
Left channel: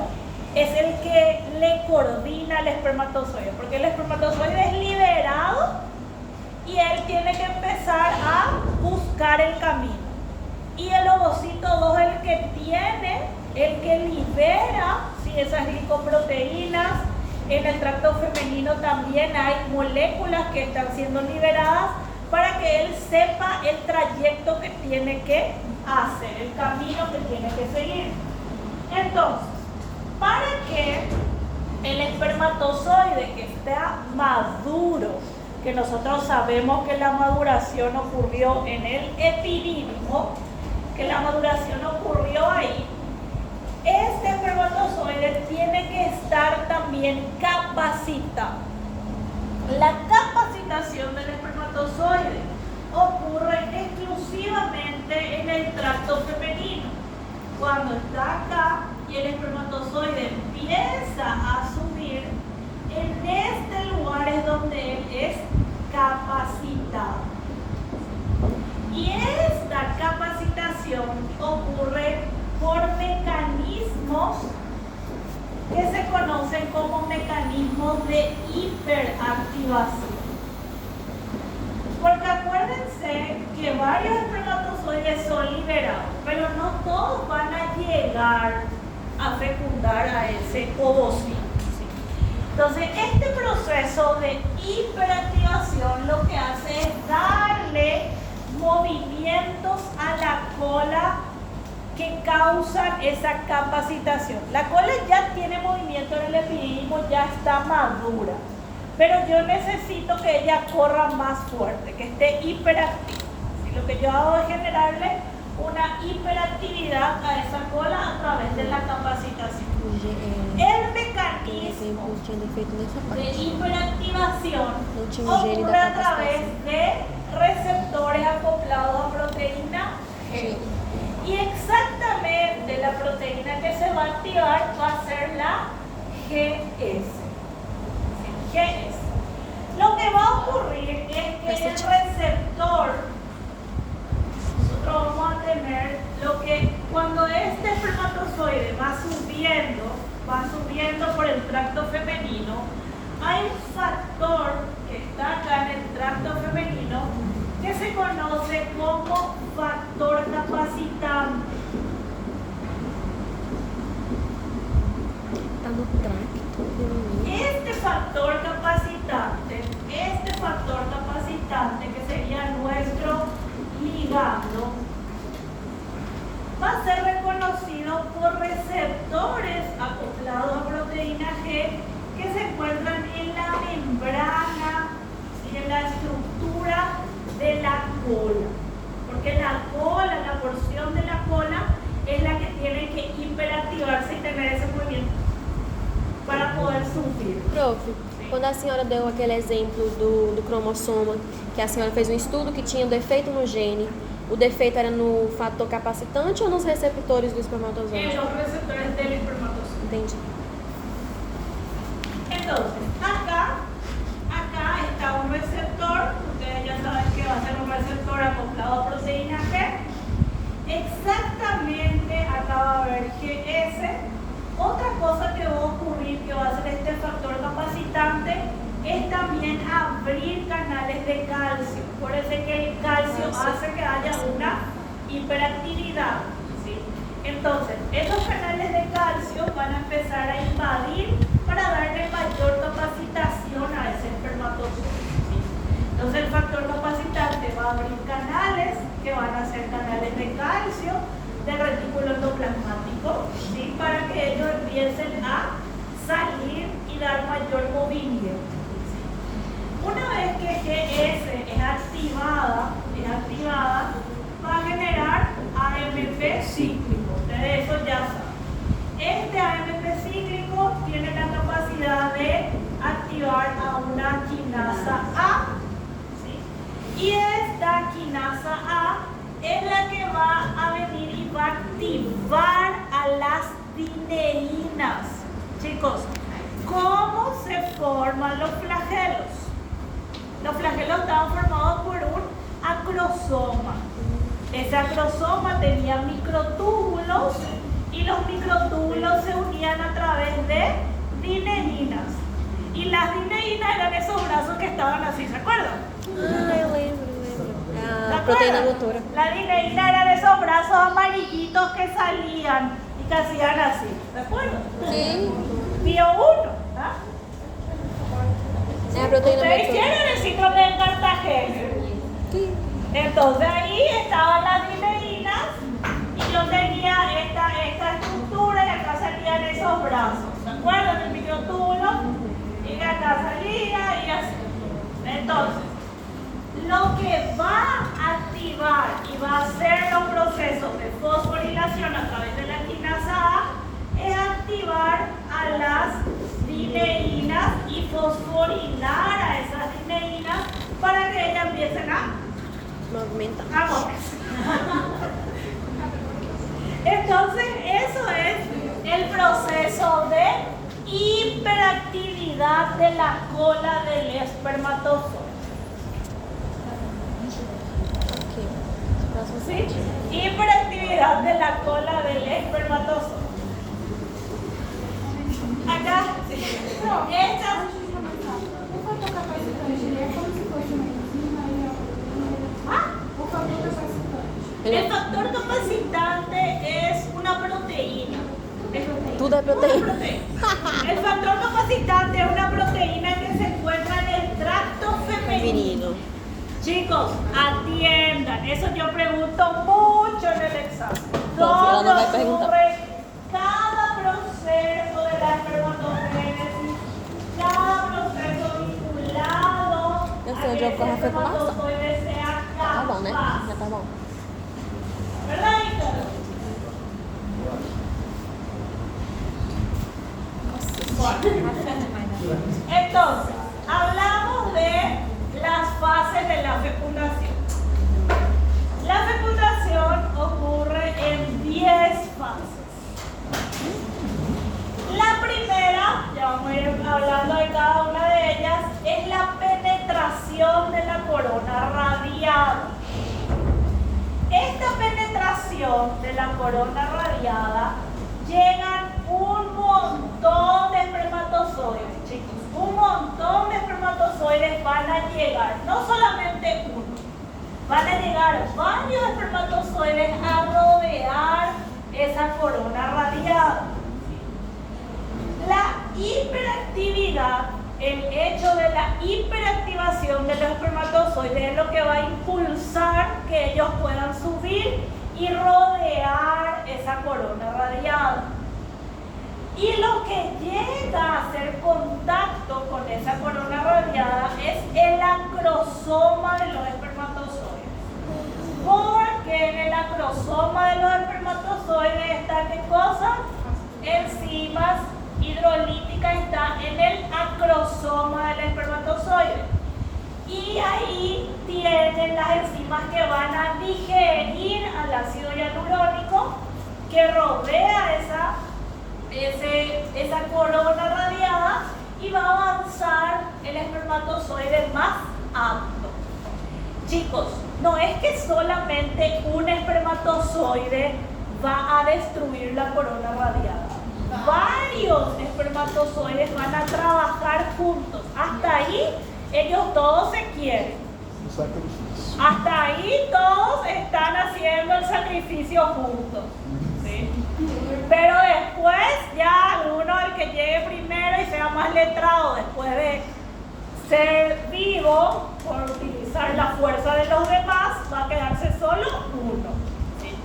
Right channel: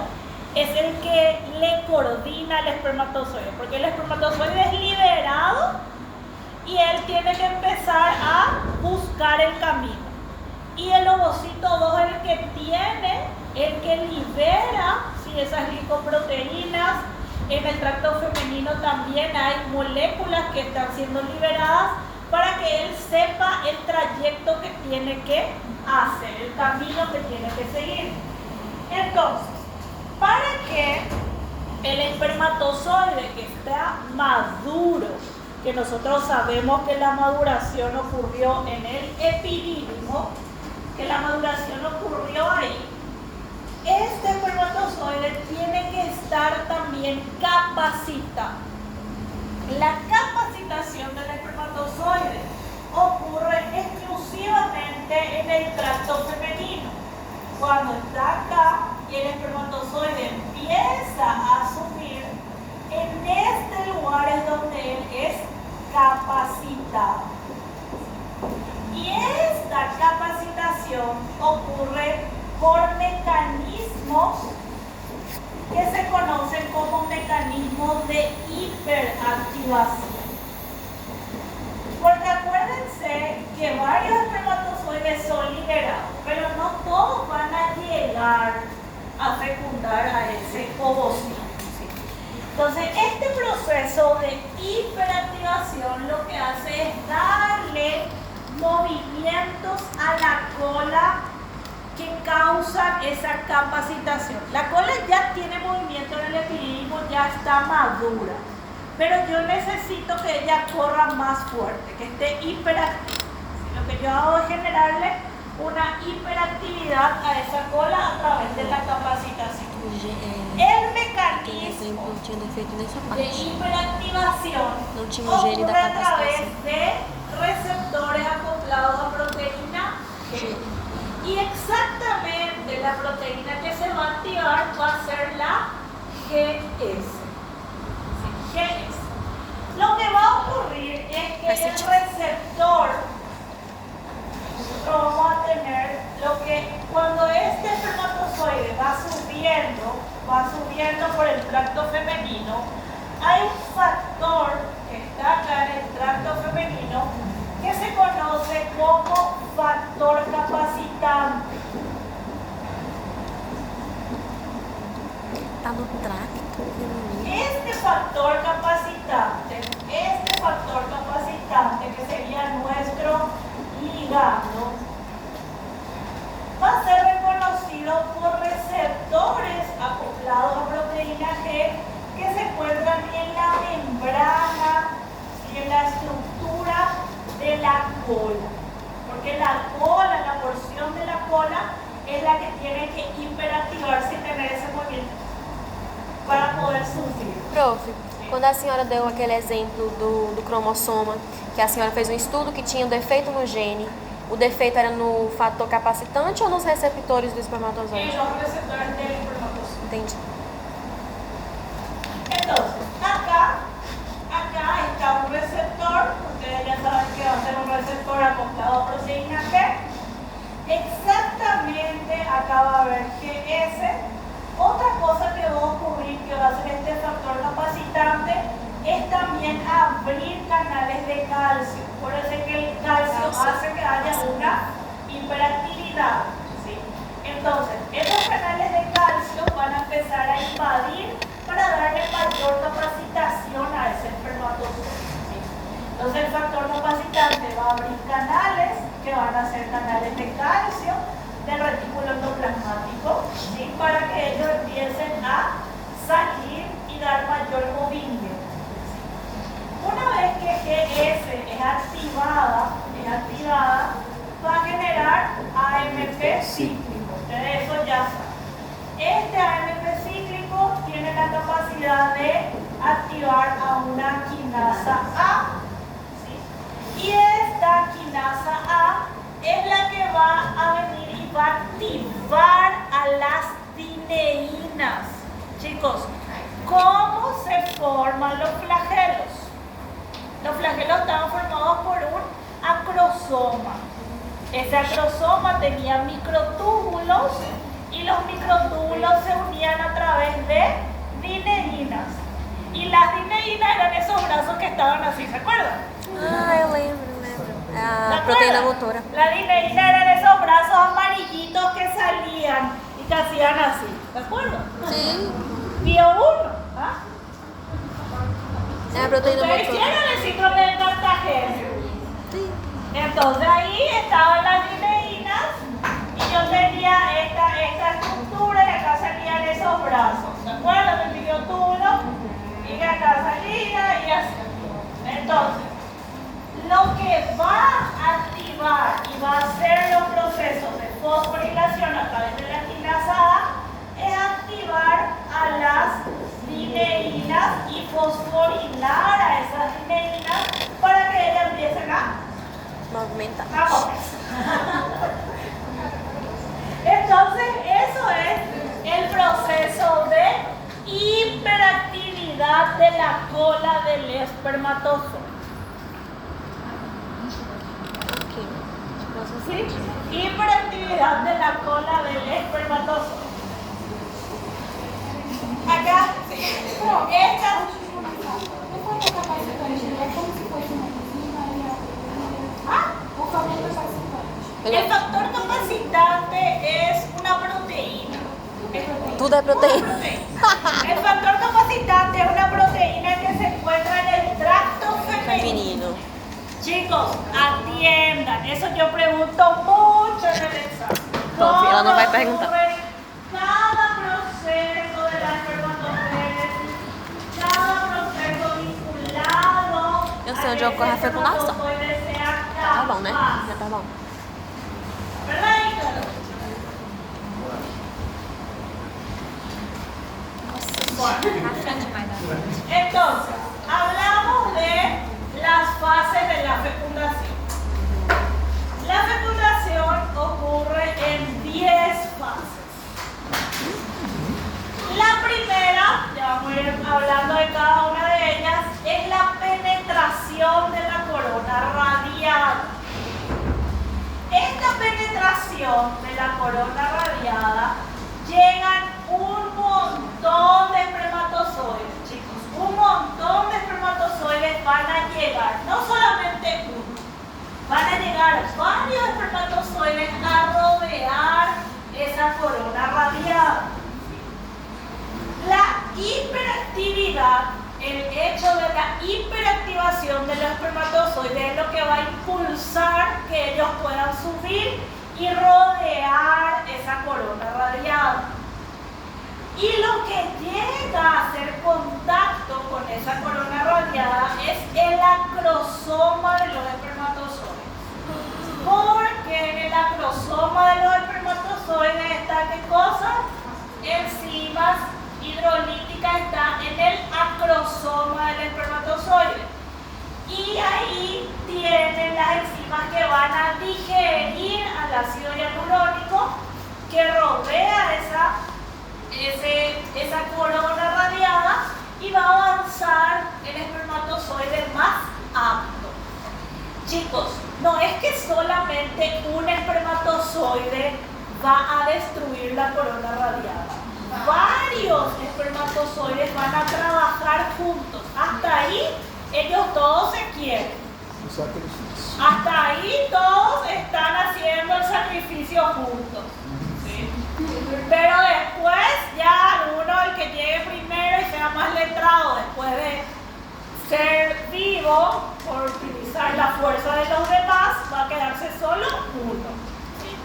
es el que le coordina al espermatozoide, porque el espermatozoide es liberado y él tiene que empezar a buscar el camino. Y el ovocito 2 es el que libera esas glicoproteínas. En el tracto femenino también hay moléculas que están siendo liberadas para que él sepa el trayecto que tiene que hacer, el camino que tiene que seguir. Entonces, para que el espermatozoide que está maduro, que nosotros sabemos que la maduración ocurrió en el epidídimo, que la maduración ocurrió ahí, este espermatozoide tiene que estar también capacitado. La capacitación del espermatozoide ocurre exclusivamente en el tracto femenino. Cuando está acá, y el espermatozoide empieza a subir, en este lugar es donde él es capacitado. Y esta capacitación ocurre por mecanismos que se conocen como mecanismos de hiperactivación. Porque acuérdense que varios espermatozoides son liberados, pero no todos van a llegar a fecundar a ese ovocito. Entonces, este proceso de hiperactivación lo que hace es darle movimientos a la cola que causan esa capacitación. La cola ya tiene movimiento en el epididimo, ya está madura, pero yo necesito que ella corra más fuerte, que esté hiperactiva. ¿Sí? Lo que yo hago es generarle una hiperactividad a esa cola a través de la capacitación. El mecanismo de hiperactivación ocurre a través de receptores acoplados a proteína G. Y exactamente la proteína que se va a activar va a ser la GS. Lo que va a ocurrir es que el receptor, vamos a tener lo que cuando este espermatozoide va subiendo por el tracto femenino, hay un factor que está acá en el tracto femenino que se conoce como factor capacitante. Está no tracto femenino. Este factor capacitante que sería nuestro ligando, va a ser reconocido por receptores acoplados a proteína G que se encuentran en la membrana y en la estructura de la cola. Porque la cola, la porción de la cola, es la que tiene que hiperactivarse y tener ese movimiento para poder subir. Prof, quando a senhora deu aquele exemplo do cromossoma, que a senhora fez um estudo que tinha um defeito no gene, o defeito era no fator capacitante ou nos receptores do espermatozoide? En los receptores del espermatozoide. Entendi. Entonces, acá está un receptor, ustedes ya saben que va a ser un receptor acoplado a proteína G. Exactamente acá va a haber GS. Otra cosa que va a ocurrir, que va a ser este factor capacitante, es también abrir canales de calcio. Por eso es que el calcio hace que haya una hiperactividad. ¿Sí? Entonces, estos canales de calcio van a empezar a invadir para darle mayor capacitación a ese espermatozoide. ¿Sí? Entonces, el factor capacitante va a abrir canales que van a ser canales de calcio del retículo endoplasmático, ¿sí? Para que ellos empiecen a salir y dar mayor movimiento. Una vez que GS es activada, va a generar AMP cíclico. Ustedes eso ya saben. Este AMP cíclico tiene la capacidad de activar a una quinasa A. ¿Sí? Y esta quinasa A es la que va a venir y va a activar a las dineínas. Chicos, ¿cómo se forman los flagelos? Los flagelos estaban formados por un acrosoma. Ese acrosoma tenía microtúbulos y los microtúbulos se unían a través de dineínas. Y las dineínas eran esos brazos que estaban así, ¿se acuerdan? Ah, eu lembro. A proteína motora. La dineína eran esos brazos amarillitos que salían y que hacían así, ¿de acuerdo? Sí. Vio uno, ¿ah? É a proteína Ustedes motora. hicieron el síndrome de Cartagena. Sí. Entonces ahí estaban las dineínas y yo tenía esta estructura y acá salían esos brazos, ¿de acuerdo? El microtúbulo y que acá salía y así. Entonces, lo que va a activar y va a hacer los procesos de fosforilación a través de la quinasa A es activar a las dineínas y fosforilar a esas dineínas para que ellas empiecen a Movimentar. moverse. Entonces, eso es el hiperactividad de la cola del espermatozoide. ¿Sí? Hiperactividad de la cola del espermatozoide. Acá, esta. El factor capacitante es una proteína. Tú de proteína. El factor capacitante es una proteína que se encuentra en el tracto femenino. Chicos, atiendan. Eso yo pregunto mucho en el examen. Entonces, ela não vai ¿Cómo perguntar. ocurre cada proceso de la espermatogénesis, cada proceso vinculado Eu sei onde ocorre a fecundação. espermatozoide sea Tá bom, né? capaz. Já tá bom. ¿Verdad, Ícaro? Entonces, hablamos de las fases de la fecundación. La fecundación ocurre en 10 fases. La primera, ya vamos a ir hablando de cada una de ellas, es la penetración de la corona radiada. Esta penetración de la corona radiada llegan un montón de espermatozoides, chicos. Un montón de espermatozoides van a llegar, no solamente uno, van a llegar varios espermatozoides a rodear esa corona radiada. La hiperactividad, el hecho de la hiperactivación de los espermatozoides es lo que va a impulsar que ellos puedan subir y rodear esa corona radiada. Y lo que llega a hacer contacto con esa corona radiada es el acrosoma de los espermatozoides. Porque en el acrosoma de los espermatozoides está ¿qué cosa? Enzimas hidrolíticas, está en el acrosoma del espermatozoide. Y ahí tienen las enzimas que van a digerir al ácido hialurónico que rodea esa corona radiada y va a avanzar el espermatozoide más apto. Chicos, no es que solamente un espermatozoide va a destruir la corona radiada. Varios espermatozoides van a trabajar juntos. Hasta ahí ellos todos se quieren. Hasta ahí todos están haciendo el sacrificio juntos. ¿Sí? Pero después ya uno, el que llegue primero y sea más letrado, después de ser vivo por utilizar la fuerza de los demás, va a quedarse solo uno. ¿Sí?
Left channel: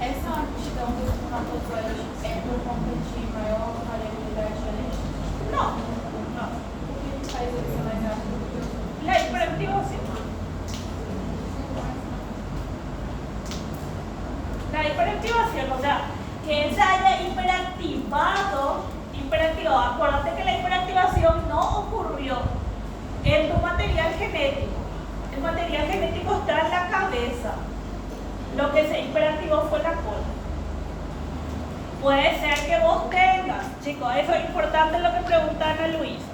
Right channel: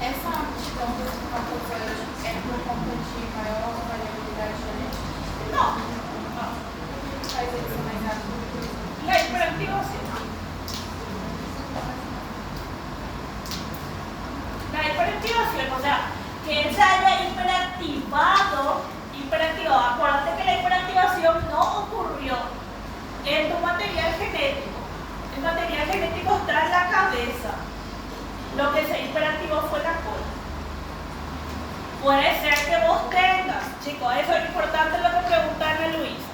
Essa aptidão dos espermatozoides é por conta de maior variabilidade genética? No, O que faz ele ser mais rápido? la hiperactivación. La hiperactivación, o sea, que él se haya hiperactivado, acuérdate que la hiperactivación no ocurrió en tu material genético. El material genético está en la cabeza. Lo que se hiperactivó fue la cola. Puede ser que vos tengas, chicos, eso es importante lo que pregunta Ana Luisa.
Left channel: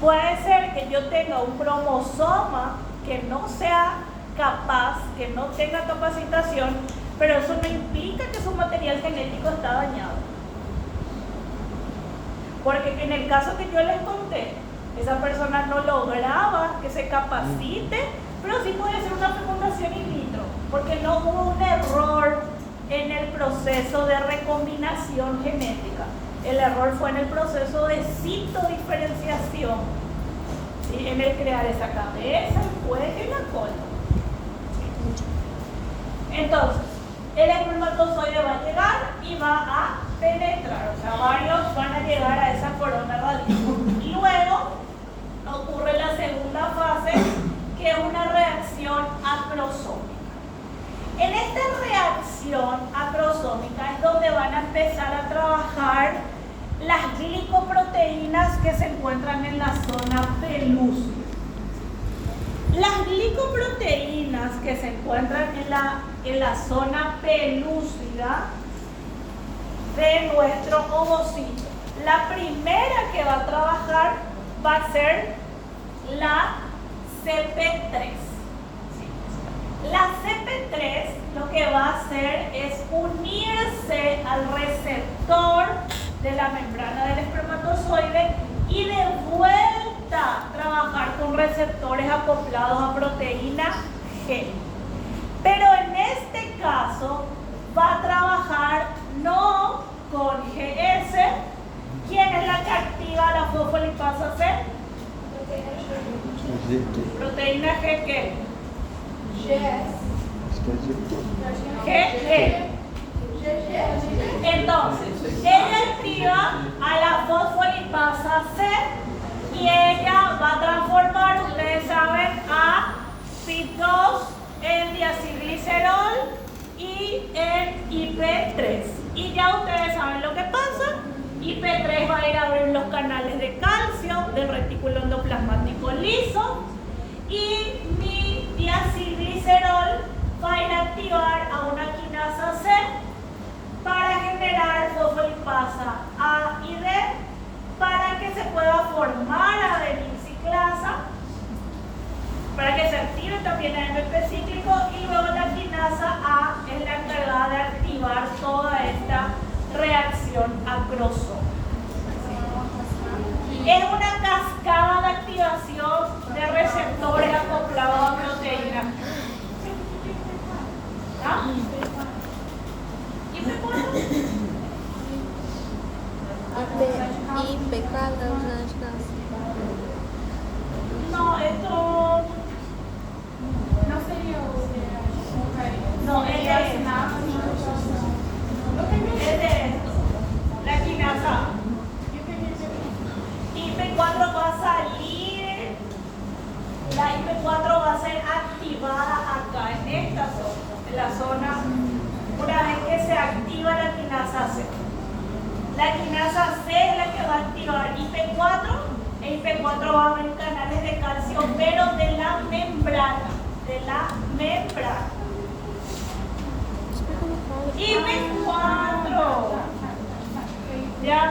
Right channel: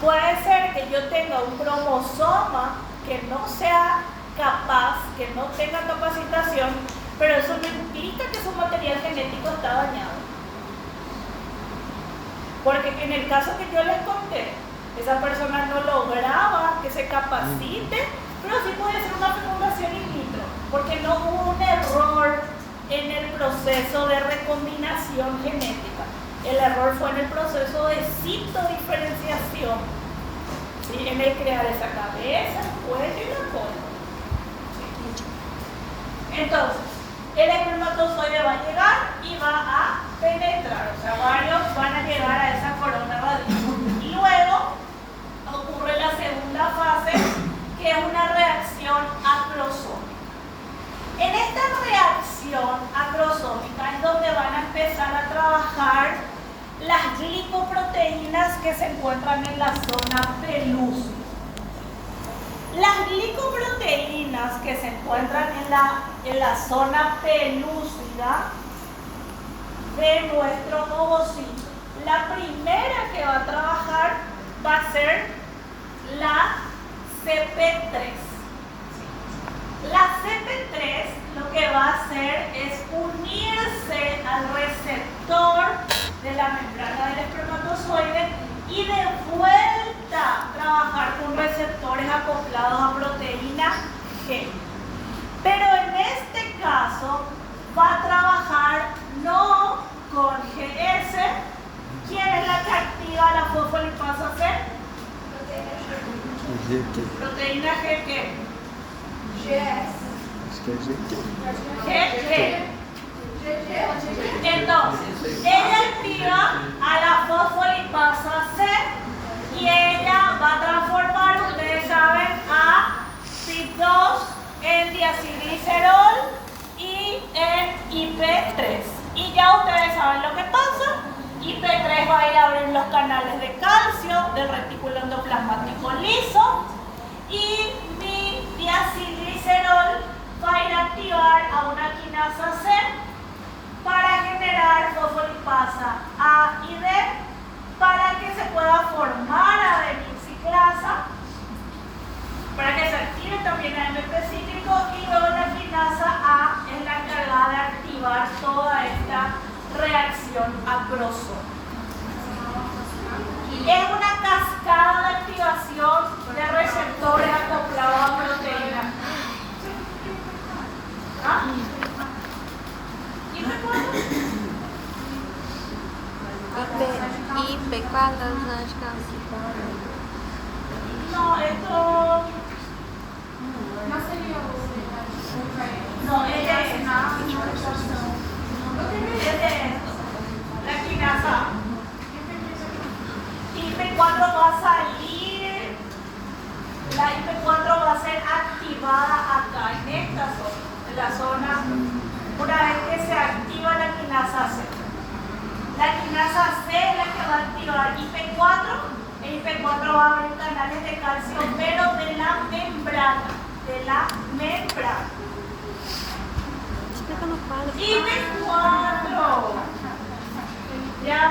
Puede ser que yo tenga un cromosoma que no sea capaz, que no tenga capacitación, pero eso no implica que su material genético está dañado. Porque en el caso que yo les conté, esa persona no lograba que se capacite, pero sí podía hacer una fecundación in vitro, porque no hubo un error en el proceso de recombinación genética. El error fue en el proceso de citodiferenciación, ¿sí? En el crear esa cabeza, el cuello y la cola. Entonces, el espermatozoide va a llegar y va a penetrar, o sea, varios van a llegar a esa corona radial. Y luego ocurre la segunda fase, que es una reacción acrosómica. En esta reacción acrosómica es donde van a empezar a trabajar las glicoproteínas que se encuentran en la zona pelúcida. Las glicoproteínas que se encuentran en la zona pelúcida de nuestro ovocito, la primera que va a trabajar va a ser la CP3. La CP3 lo que va a hacer es unirse al receptor de la membrana del espermatozoide y de vuelta trabajar con receptores acoplados a proteína G. Pero en este caso va a trabajar no con GS. ¿Quién es la que activa la fosfolipasa C? Proteína G, ¿qué? GG. Entonces, ella activa a la fosfolipasa C y ella va a transformar, ustedes saben, a PIP2 en diacilglicerol y en IP3. Y ya ustedes saben lo que pasa. IP3 va a ir a abrir los canales de calcio del retículo endoplasmático liso y mi diacilglicerol va a ir a activar a una quinasa C para generar fosfolipasa A y D para que se pueda formar adenina ciclasa, para que se active también el AMP cíclico y luego la quinasa A es la encargada de activar toda esta reacción acrosoma. Es una cascada de activación de receptores acoplados a proteínas. ¿Ah? ¿Y me acuerdo? IP4, No, esto... No, ella es esto. La quinasa. IP4 va a salir. La IP4 va a ser activada acá, en esta zona, en la zona, una vez que se activa la quinasa C. La quinasa C es la que va a activar IP4. El IP4 va a abrir canales de calcio, pero de la membrana. De la membrana. Explica no quadro. IP4. ¿Ya?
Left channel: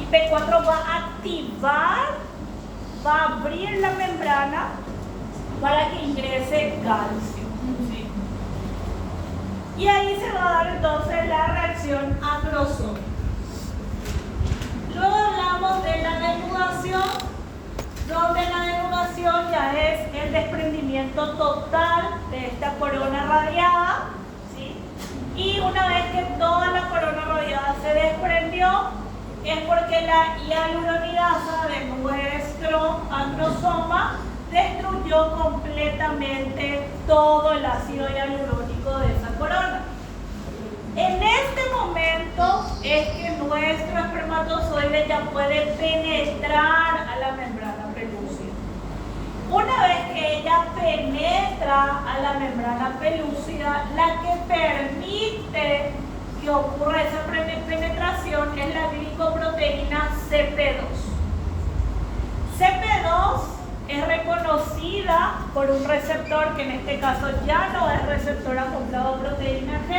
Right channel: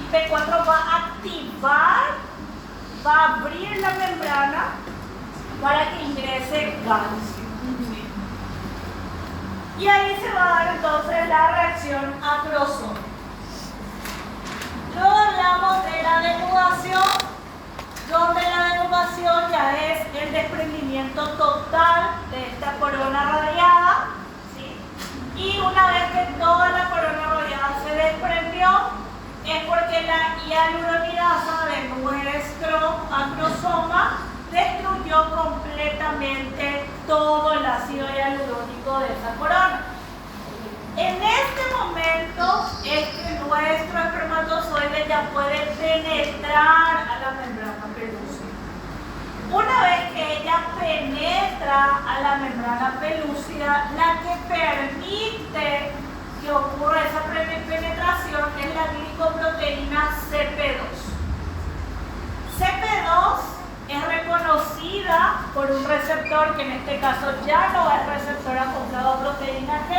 IP4 va a activar, va a abrir la membrana para que ingrese calcio. ¿Sí? Y ahí se va a dar entonces la reacción acrosómica. Luego hablamos de la denudación, donde la denudación ya es el desprendimiento total de esta corona radiada. ¿Sí? Y una vez que toda la corona radiada se desprendió, es porque la hialuronidasa de nuestro acrosoma destruyó completamente todo el ácido hialurónico de esa corona. En este momento es que nuestro espermatozoide ya puede penetrar a la membrana pelúcida. Una vez que ella penetra a la membrana pelúcida, la que permite que ocurra esa penetración es la glicoproteína CP2. CP2 es reconocida por un receptor que en este caso ya no es receptor acoplado a proteína G,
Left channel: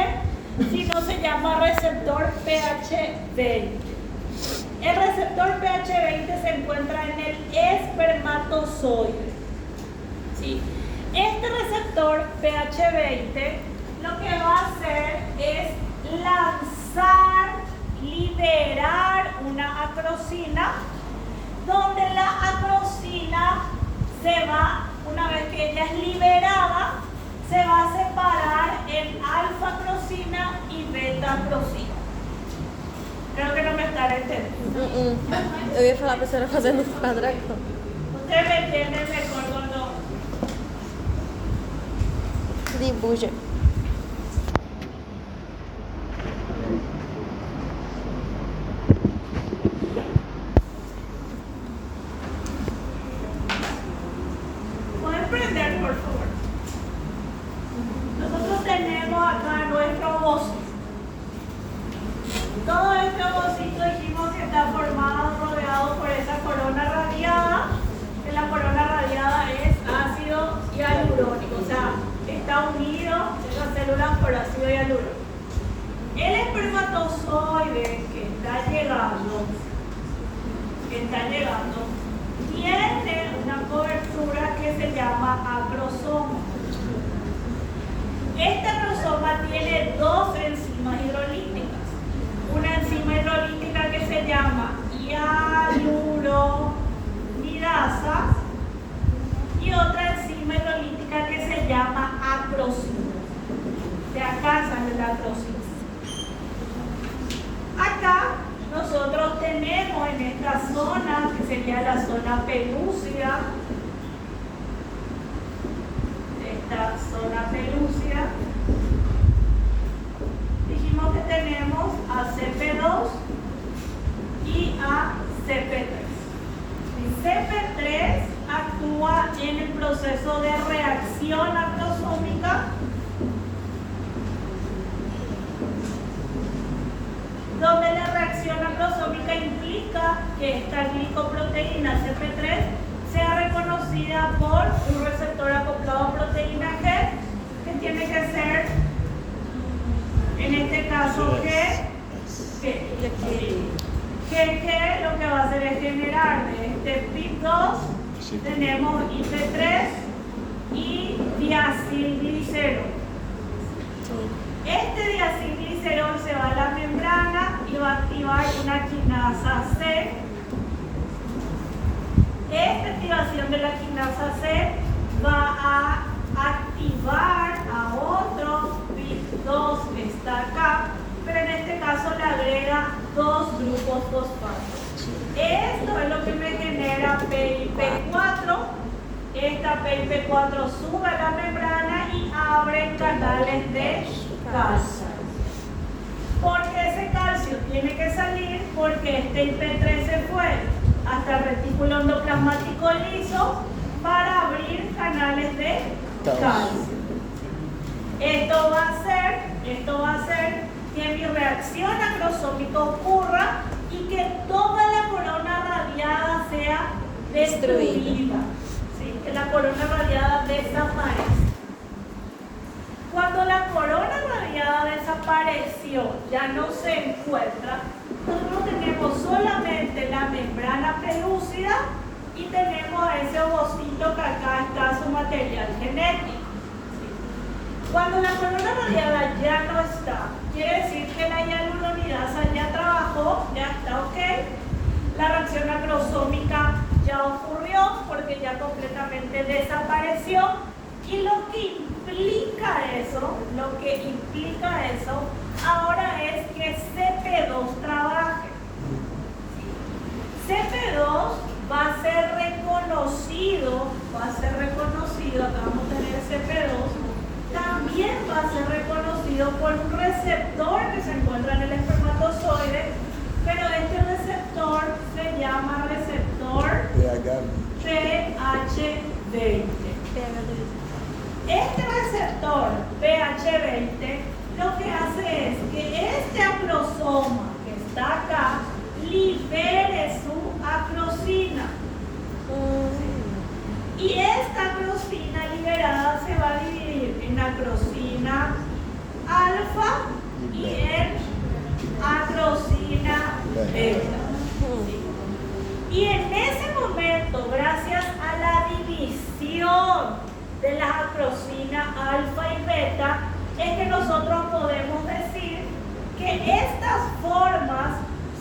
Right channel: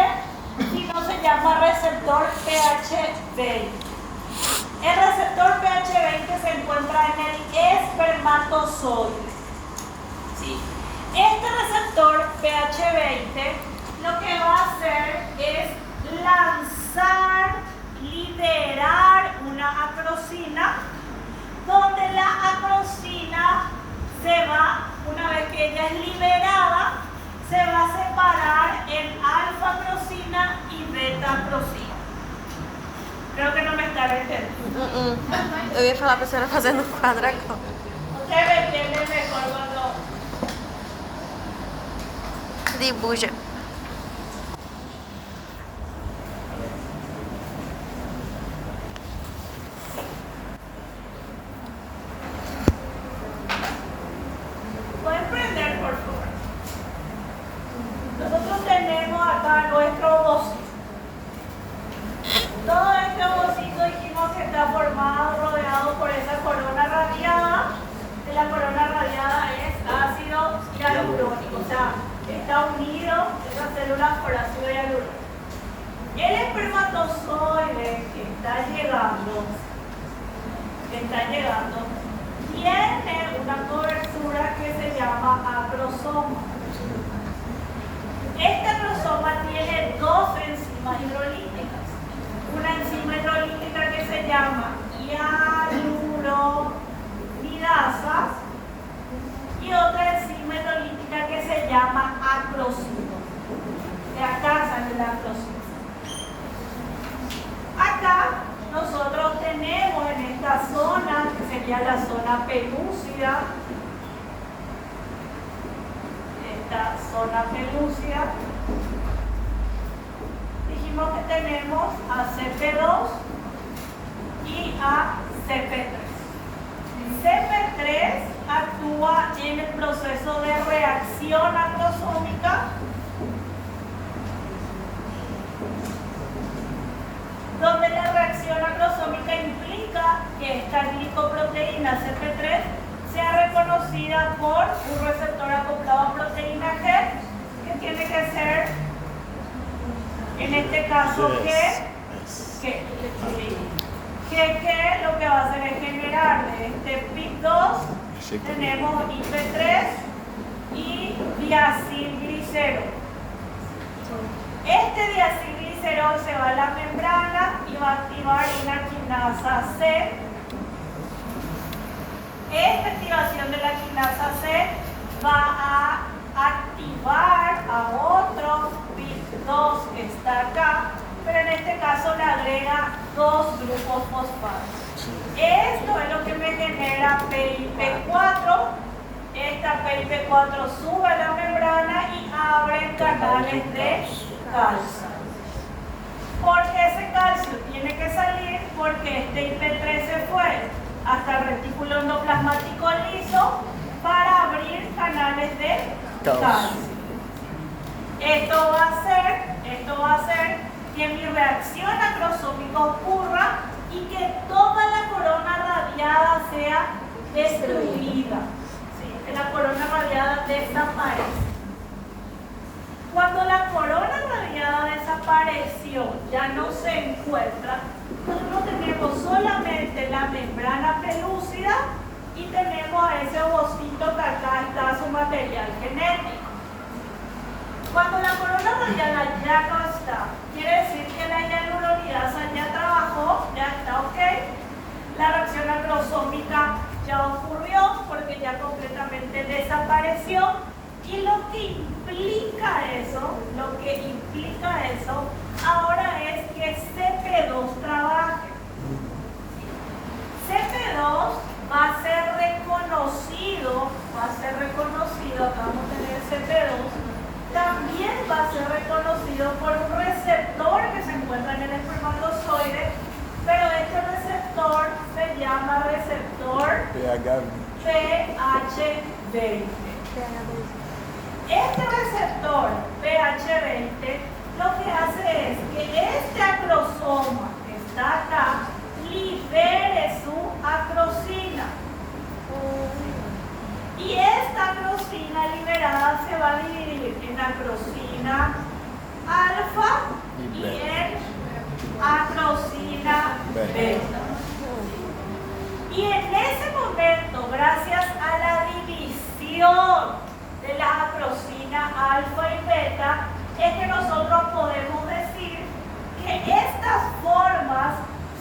sino se llama receptor pH20. El receptor pH20 se encuentra en el espermatozoide. ¿Sí? Este receptor pH20 lo que va a hacer es lanzar, liberar una acrosina, donde la acrosina se va, una vez que ella es liberada, se va a separar en alfa-acrosina y beta-acrosina. Creo que no me están entendiendo. Eu ia falar pra senhora fazendo um quadro agora. Ustedes me entienden mejor cuando... Dibuja. ¿Pueden prender, por favor? Nosotros tenemos acá nuestro ovocito. Todo este ovocito dijimos que está formado, rodeado por esa corona radiada. Que la corona radiada es ácido hialurónico, o sea, está unido esas células por ácido hialurónico. El espermatozoide que está llegando está llegando, tiene una cobertura que se llama acrosoma. Este acrosoma tiene dos enzimas hidrolíticas. Una enzima hidrolítica que se llama hialuronidasa y otra enzima hidrolítica que se llama acrosina. De acá sale la acrosina. Acá nosotros tenemos en esta zona, que sería la zona pelúcida, esta zona pelúcida, dijimos que tenemos a CP2 y a CP3. Y CP3 actúa en el proceso de reacción acrosómica, donde la reacción acrosómica implica que esta glicoproteína CP3 sea reconocida por un receptor acoplado a proteína G, que tiene que ser, en este caso, G, lo que va a hacer es generar de este PIP2, tenemos IP3 y diacilglicerol. Este diacilglicerol se va a la membrana y va a activar una quinasa C. Esta activación de la quinasa C va a activar a otro PIP2 que está acá, pero en este caso le agrega dos grupos fosfatos. Esto es lo que me genera PIP4. Esta PIP4 sube a la membrana y abre canales de calcio. Porque ese calcio tiene que salir porque este IP3 se fue hasta el retículo endoplasmático liso para abrir canales de calcio. Esto va a hacer que mi reacción acrosómica ocurra y que toda la corona radiada sea destruida. ¿Sí? Que la corona radiada desaparece. Cuando la corona radiada desapareció, ya no se encuentra, nosotros tenemos solamente la membrana pelúcida y tenemos ese ovocito que acá está su material genético. Cuando la corona radiada ya no está, quiere decir que la hialuronidasa ya trabajó, ya está ok. La reacción acrosómica ya ocurrió porque ya completamente desapareció. Y lo que implica eso, ahora es que CP2 trabaje. CP2 va a ser reconocido, acá vamos a tener CP2, también va a ser reconocido por un receptor que se encuentra en el espermatozoide, pero este receptor se llama receptor PH20. Este receptor PH20 lo que hace es que este acrosoma que está acá libere su acrosina. Y esta acrosina liberada se va a dividir en acrosina alfa y en acrosina beta. Y en ese momento, gracias a la división de la acrosina alfa y beta, es que nosotros podemos decir que estas formas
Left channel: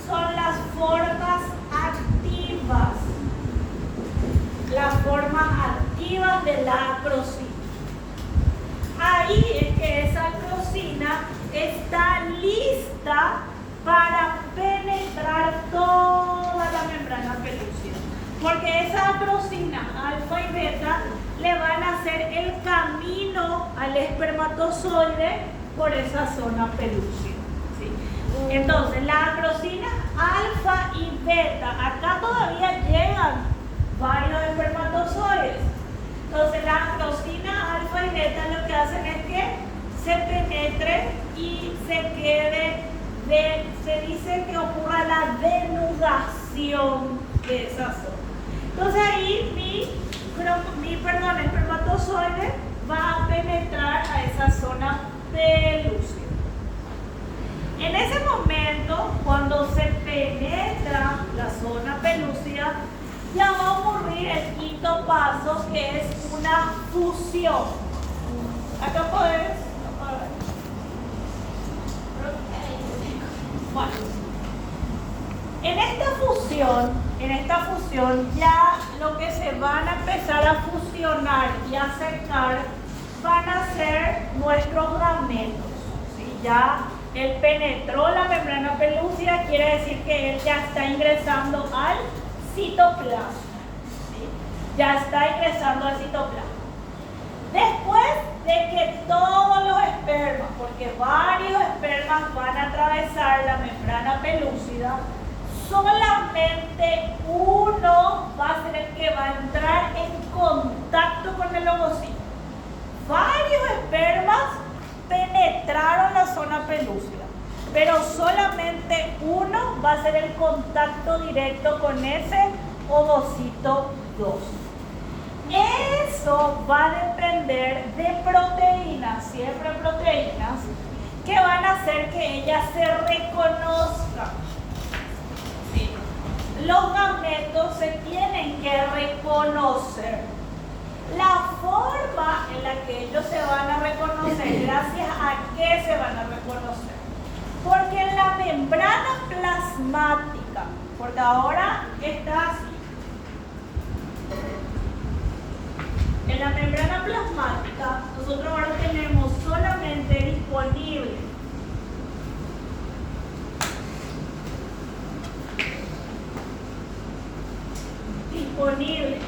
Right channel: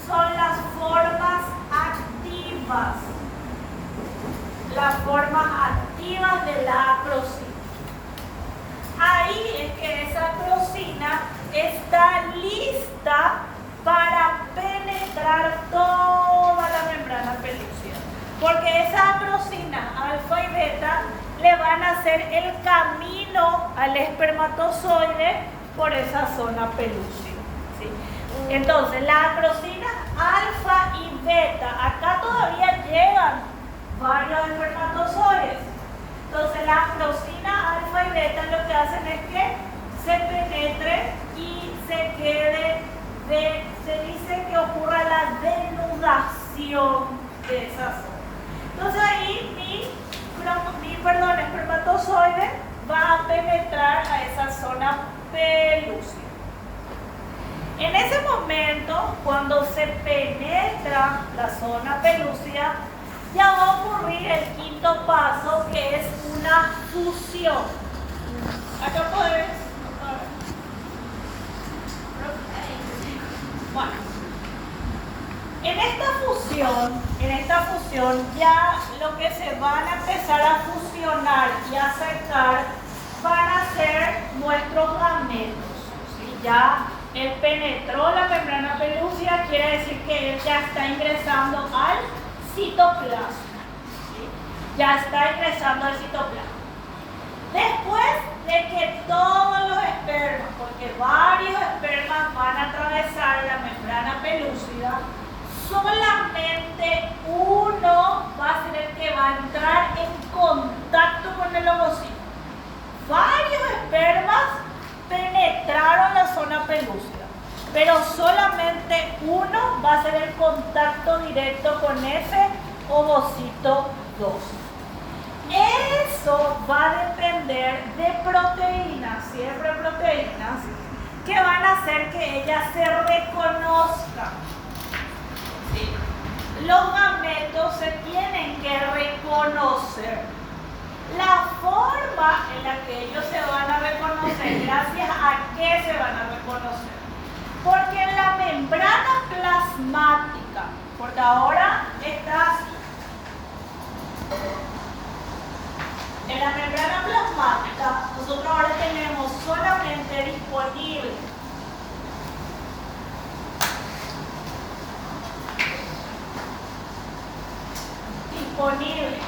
son las formas activas. Las formas activas de la acrosina. Ahí es que esa acrosina está lista para penetrar toda la membrana pelúcida. Porque esa acrosina alfa y beta le van a hacer el camino al espermatozoide por esa zona pelúcida. ¿Sí? Entonces, la acrosina alfa y beta, acá todavía llegan varios espermatozoides. Entonces, la acrosina alfa y beta lo que hacen es que se penetre y se quede, se dice que ocurra la denudación de esa zona. Entonces, ahí mi espermatozoide va a penetrar a esa zona pelúcida. En ese momento, cuando se penetra la zona pelúcida, ocurrir el quinto paso, que es una fusión. Acá podés. Bueno, en esta fusión ya lo que se van a empezar a fusionar y a acercar van a ser nuestros gametos. ¿Sí? Ya él penetró la membrana pelúcida, quiere decir que él ya está ingresando al citoplasma. ¿Sí? Ya está ingresando al citoplasma. Después de que todos los espermas, porque varios espermas van a atravesar la membrana pelúcida, solamente uno va a ser el que va a entrar en contacto con el ovocito. Varios espermas penetraron la zona pelúcida, pero solamente uno va a ser el contacto directo con ese ovocito 2. Eso va a depender de proteínas, siempre proteínas, que van a hacer que ella se reconozca. Sí. Los gametos se tienen que reconocer. La forma en la que ellos se van a reconocer, gracias a qué se van a reconocer. Porque en la membrana plasmática, porque ahora está así. En la membrana plasmática, nosotros ahora tenemos solamente disponible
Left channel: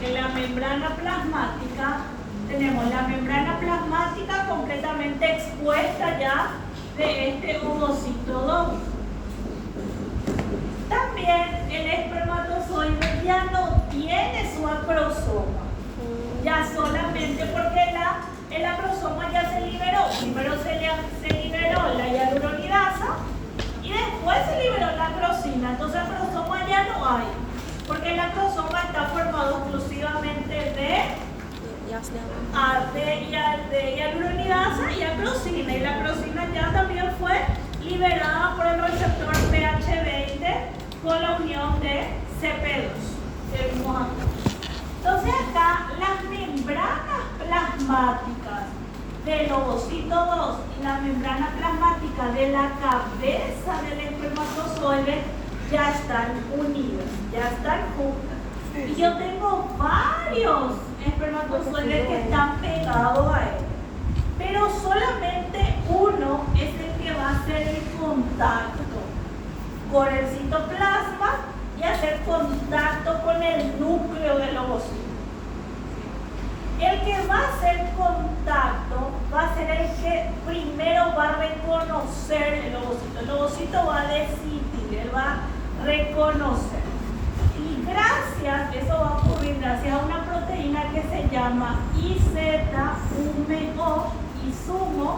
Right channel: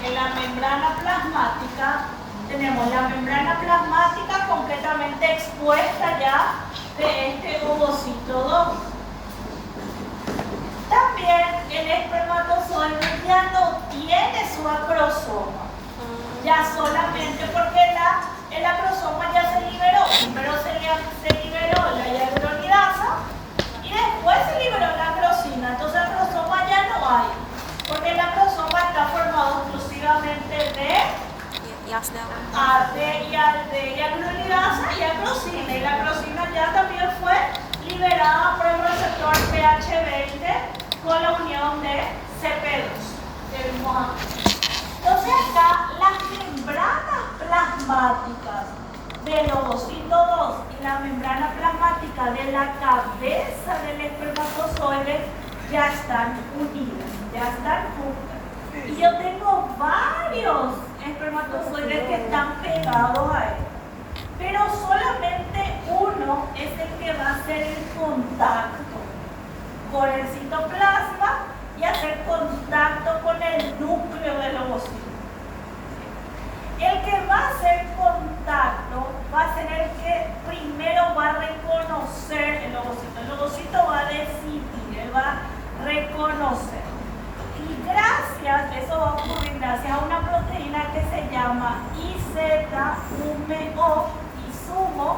en la membrana plasmática, tenemos la membrana plasmática completamente expuesta ya de este ovocito 2. También el espermatozoide ya no tiene su acrosoma. Ya solamente porque el acrosoma ya se liberó. Primero se liberó la hialuronidasa y después se liberó la acrosina. Entonces acrosoma ya no hay, porque el acrosoma está formado exclusivamente de hialuronidasa y acrosina. Y la acrosina ya también fue liberada por el receptor pH20 con la unión de CP2 que vimos aquí. Entonces acá las membranas plasmáticas del ovocito 2 y la membrana plasmática de la cabeza del espermatozoide ya están unidas, ya están juntas. Y yo tengo varios espermatozoides que están pegados a él, pero solamente uno es el que va a hacer el contacto con el citoplasma y hacer contacto con el núcleo del ovocito. El que va a hacer contacto va a ser el que primero va a reconocer el ovocito. El ovocito va a decidir, él va a reconocer. Y eso va a ocurrir gracias a una proteína que se llama IZUMO,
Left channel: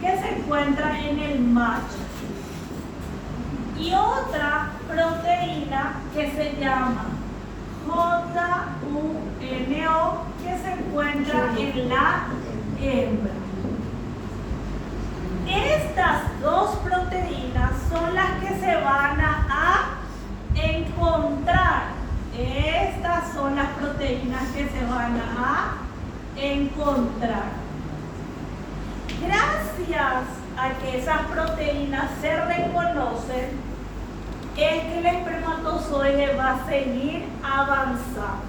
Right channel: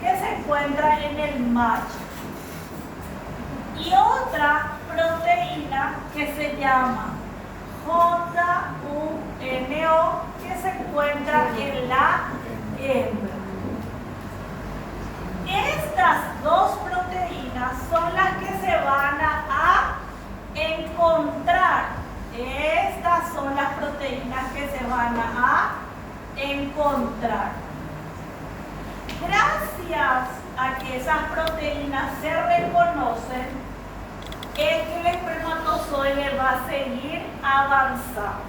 que se encuentra en el macho. Y otra proteína que se llama JUNO, que se encuentra en la hembra. Estas dos proteínas son las que se van a encontrar. Estas son las proteínas que se van a encontrar. Gracias a que esas proteínas se reconocen, es que el espermatozoide va a seguir avanzando.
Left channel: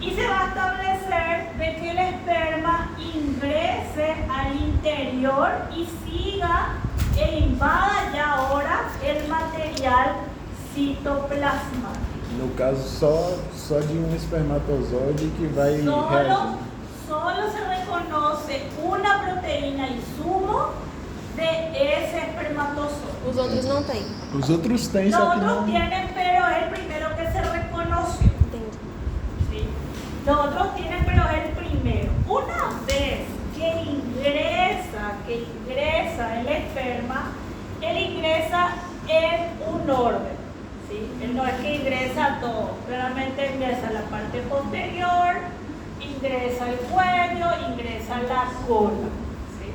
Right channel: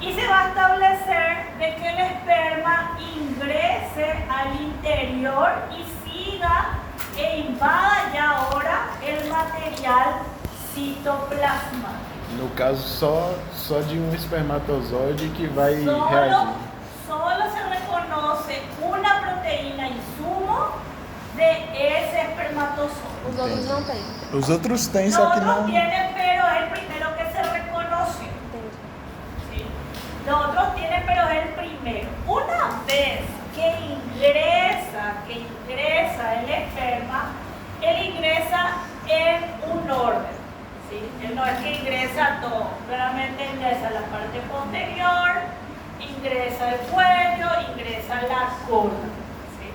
Y se va a establecer de que el esperma ingrese al interior y siga e invada ya ahora el material citoplasmático. No caso, só de espermatozoide que vai reagir. Solo se reconoce una proteína IZUMO de ese espermatozoide. Os outros não têm. Os outros têm, Los só que otros não. tienen, pero es el primero que se reconoce. Entendi. ¿Sí? Los otros tienen, pero es el primero. Una vez que ingresa el esperma, él ingresa en un orden. ¿Sí? Él no es que ingresa todo, realmente ingresa la parte posterior, ingresa el cuello, ingresa la cola. ¿Sí?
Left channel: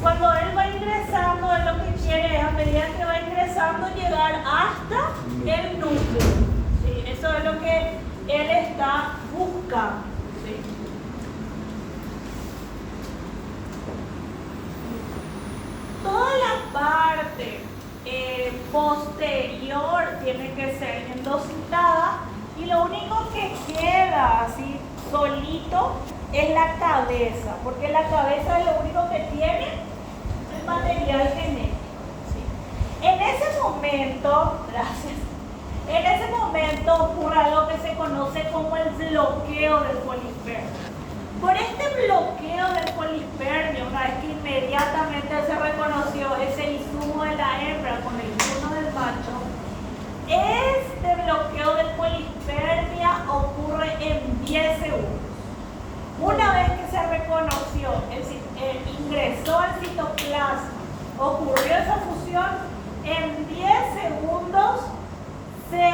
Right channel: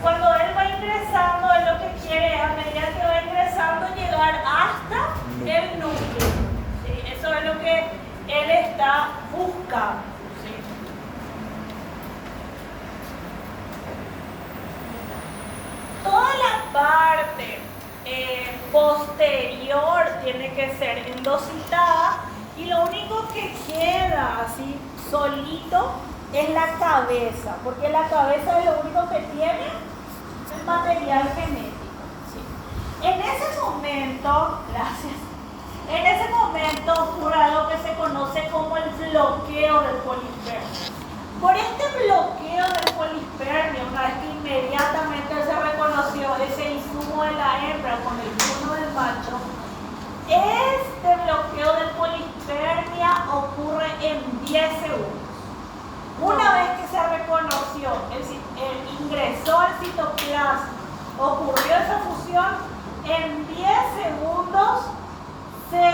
Cuando él va ingresando, él lo que quiere es, a medida que va ingresando, llegar hasta el núcleo. ¿Sí? Eso es lo que posterior tiene que ser endocitada y lo único que queda así solito es la cabeza, porque la cabeza es lo único que tiene el material genético. ¿Sí? En ese momento, gracias, en ese momento ocurre algo que se conoce como el bloqueo del polispermio. Por este bloqueo del polispermio, una vez que inmediatamente se reconoció ese insumo de la hembra con el turno del macho, este bloqueo del polispermia ocurre en 10 segundos. Una vez que se reconoció, ingresó al citoplasma, ocurrió esa fusión, en 10 segundos se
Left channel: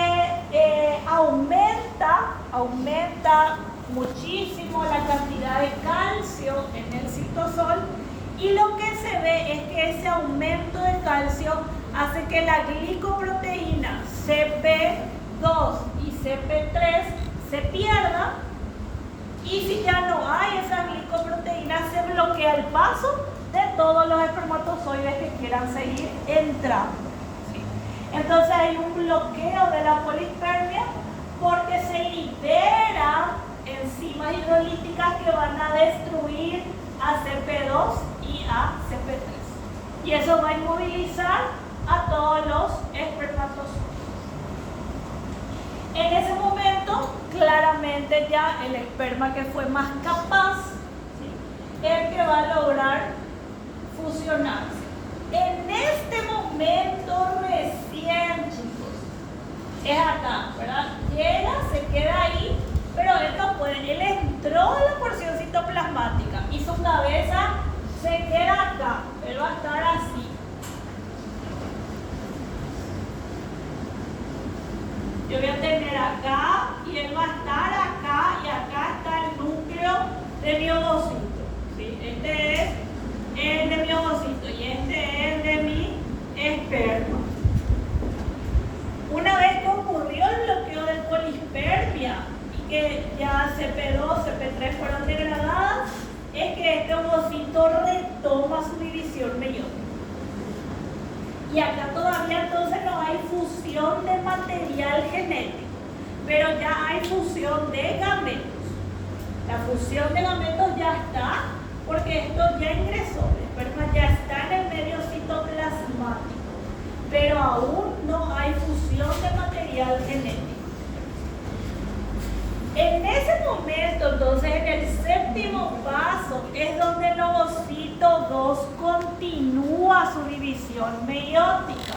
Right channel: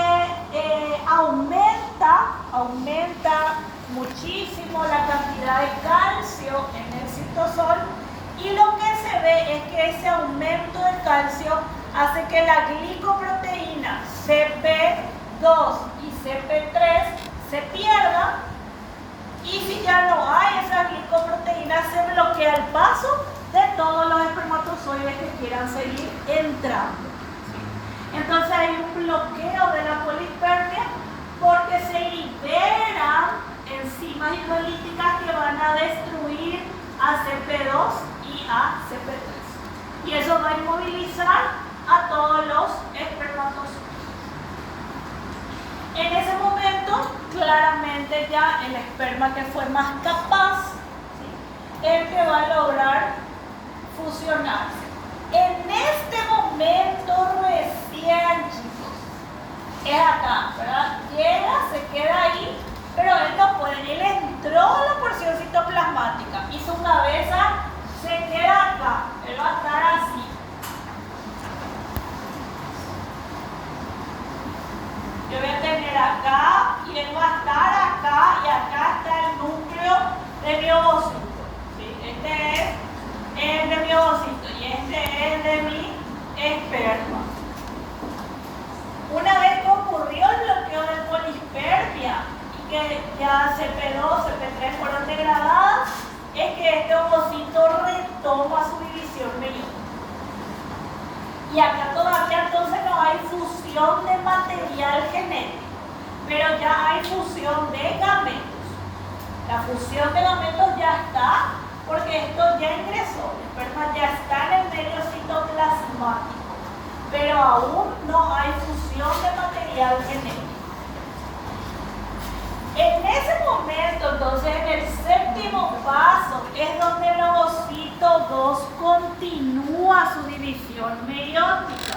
aumenta muchísimo la cantidad de calcio en el citosol y lo que se ve es que ese aumento de calcio hace que la glicoproteína CP2 y CP3 se pierda y si ya no hay esa glicoproteína se bloquea el paso de todos los espermatozoides que quieran seguir entrando. Entonces hay un bloqueo de la polispermia porque se liberan enzimas hidrolíticas que van a destruir a CP2 y a CP3. Y eso va a inmovilizar a todos los espermatozoides. En ese momento, claramente ya el esperma que fue más capaz, ¿sí?, es el que va a lograr fusionarse. En este momento recién, chicos, es acá, ¿verdad? Llega, se queda ahí, pero él no puede, él entró a la porción citoplasmática y su cabeza se queda acá, él va a estar así. Yo voy a tener acá y él va a estar acá y acá está el núcleo de mi ovocito. ¿Sí? Este es el de mi ovocito y este es el de mi esperma. Una vez que ocurrió el bloqueo del polispermia y que ya CP2, CP3 fueron degradadas, es que este ovocito retoma su división meiótica. Y acá todavía entonces no hay fusión de material genético, pero ya hay fusión de gametos. La fusión de gametos ya está, porque esto ya ingresó, el esperma ya está en el medio citoplasmático, pero aún no hay fusión de material genético. En ese momento, entonces, en el séptimo paso, es donde el ovocito 2 continúa su división meiótica.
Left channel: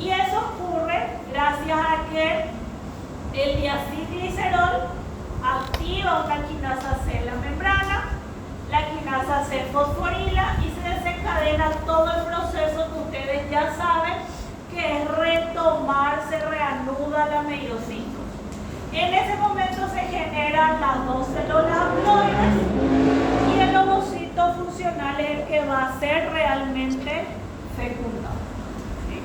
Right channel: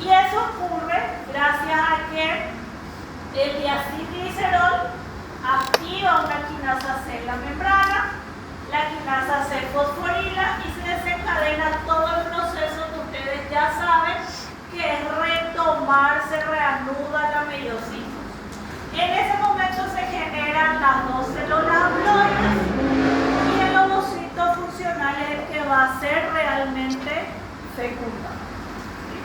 Y eso ocurre gracias a que el diacilglicerol activa una quinasa C en la membrana, la quinasa C fosforila y se desencadena todo el proceso que ustedes ya saben, que es retomar, se reanuda la meiocitosis. En ese momento se generan las dos células haploides y el ovocito funcional es el que va a ser realmente fecundado. ¿Sí?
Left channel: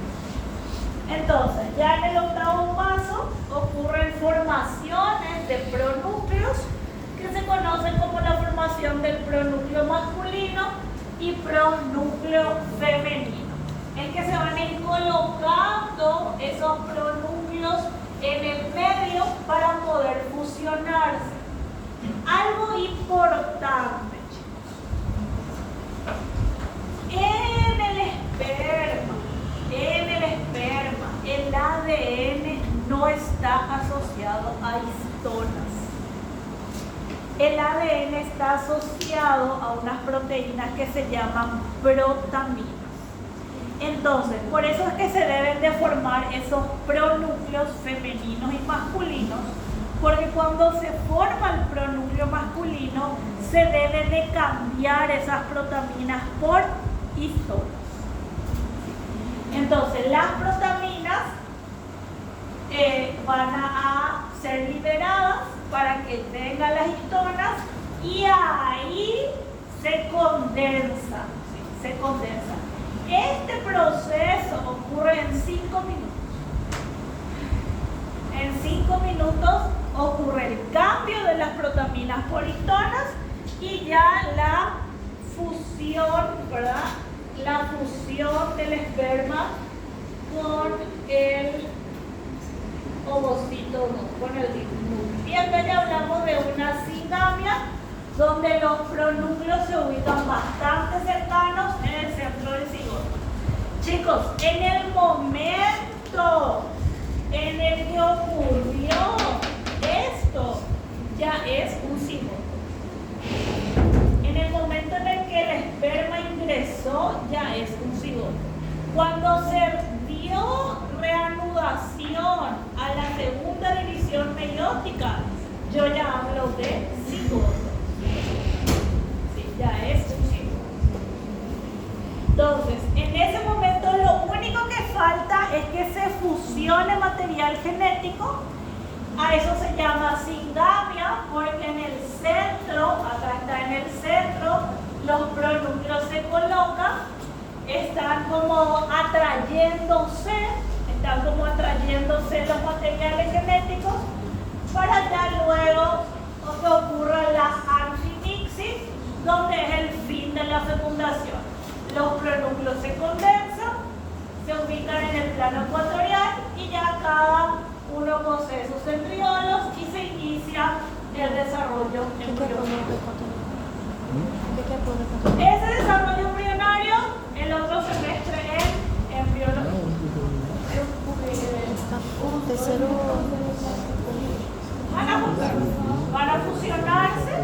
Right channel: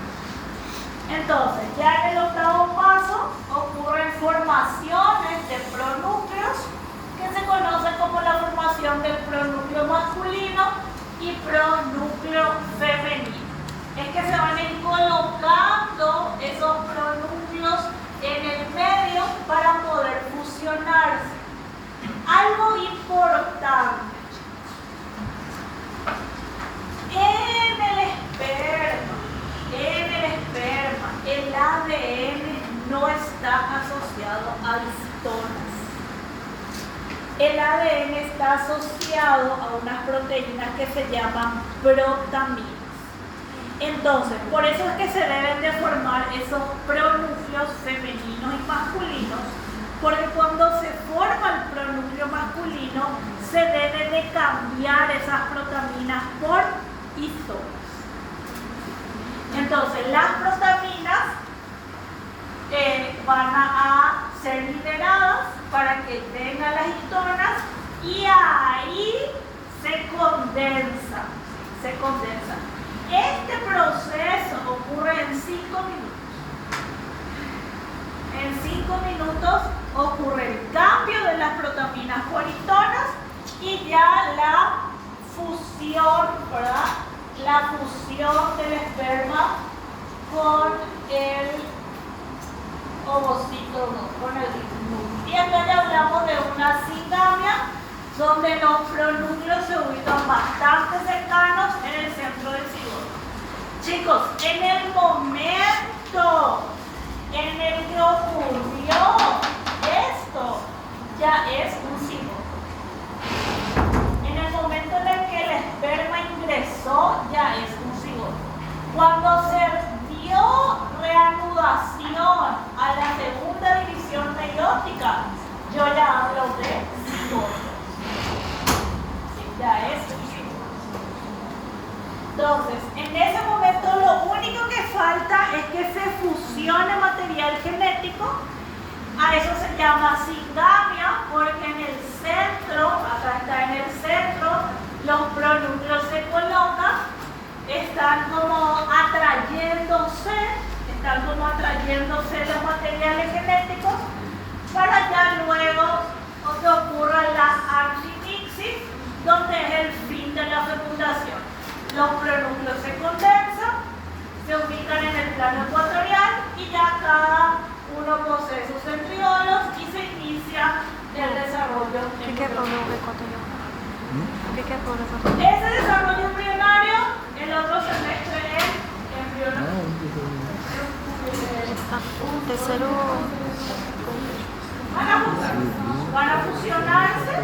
Entonces, ya en el octavo paso ocurren formaciones de pronúcleos que se conocen como la formación del pronúcleo masculino y pronúcleo femenino. Es que se van a ir colocando esos pronúcleos en el medio para poder fusionarse. Algo importante, en el esperma, el ADN no está asociado a histonas. El ADN está asociado a unas proteínas que se llaman protaminas. Entonces, por eso es que se deben de formar esos pronúcleos femeninos y masculinos, porque cuando se forma el pronúcleo masculino, se debe de cambiar esas protaminas por histonas. Entonces, las protaminas van a ser liberadas para que tengan las histonas y ahí se condensan. Este proceso ocurre en 5 minutos. En 5 minutos ocurre el cambio de las protaminas por histonas y ya la fusión, ¿verdad? La fusión del esperma con el ovocito, no, con el núcleo. Y acá ya hablamos de una singamia donde los pronúcleos se ubican bastante cercanos en el centro del cigoto. Chicos, en el momento en el que ocurrió esto, ya es un cigoto. En el momento en el que el esperma ingresó, ya es un cigoto. Cuando se dio reanudación a la segunda división meiótica, yo ya hablo de cigoto. Sí, ya es un cigoto. Entonces, en ese momento lo único que falta es que se fusione material genético. A eso se llama singamia, porque en el centro, acá está en el centro, los pronúcleos se colocan, están como atrayéndose los materiales genéticos para ya luego que ocurra la archimixis, donde es el fin de la fecundación. Los pronúcleos se condensan, se ubican en el plano ecuatorial y ya cada uno posee sus centriolos y se inicia el desarrollo embrionario. Ese desarrollo embrionario, el otro semestre es embrionario. Van a fusionarse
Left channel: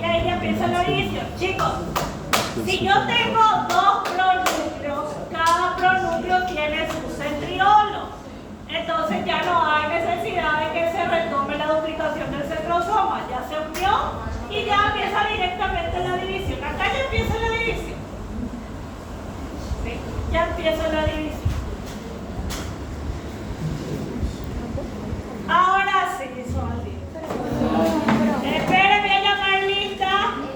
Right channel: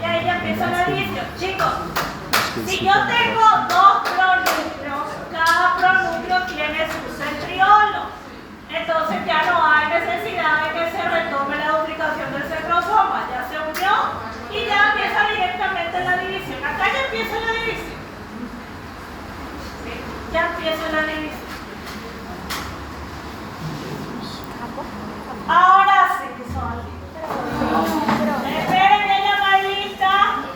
y ahí ya empieza la división. Chicos, si yo tengo dos pronúcleos, cada pronúcleo tiene su centriolo. Entonces ya no hay necesidad de que se retome la duplicación del centrosoma. Ya se unió y ya empieza directamente la división. Acá ya empieza la división. ¿Sí? Ya empieza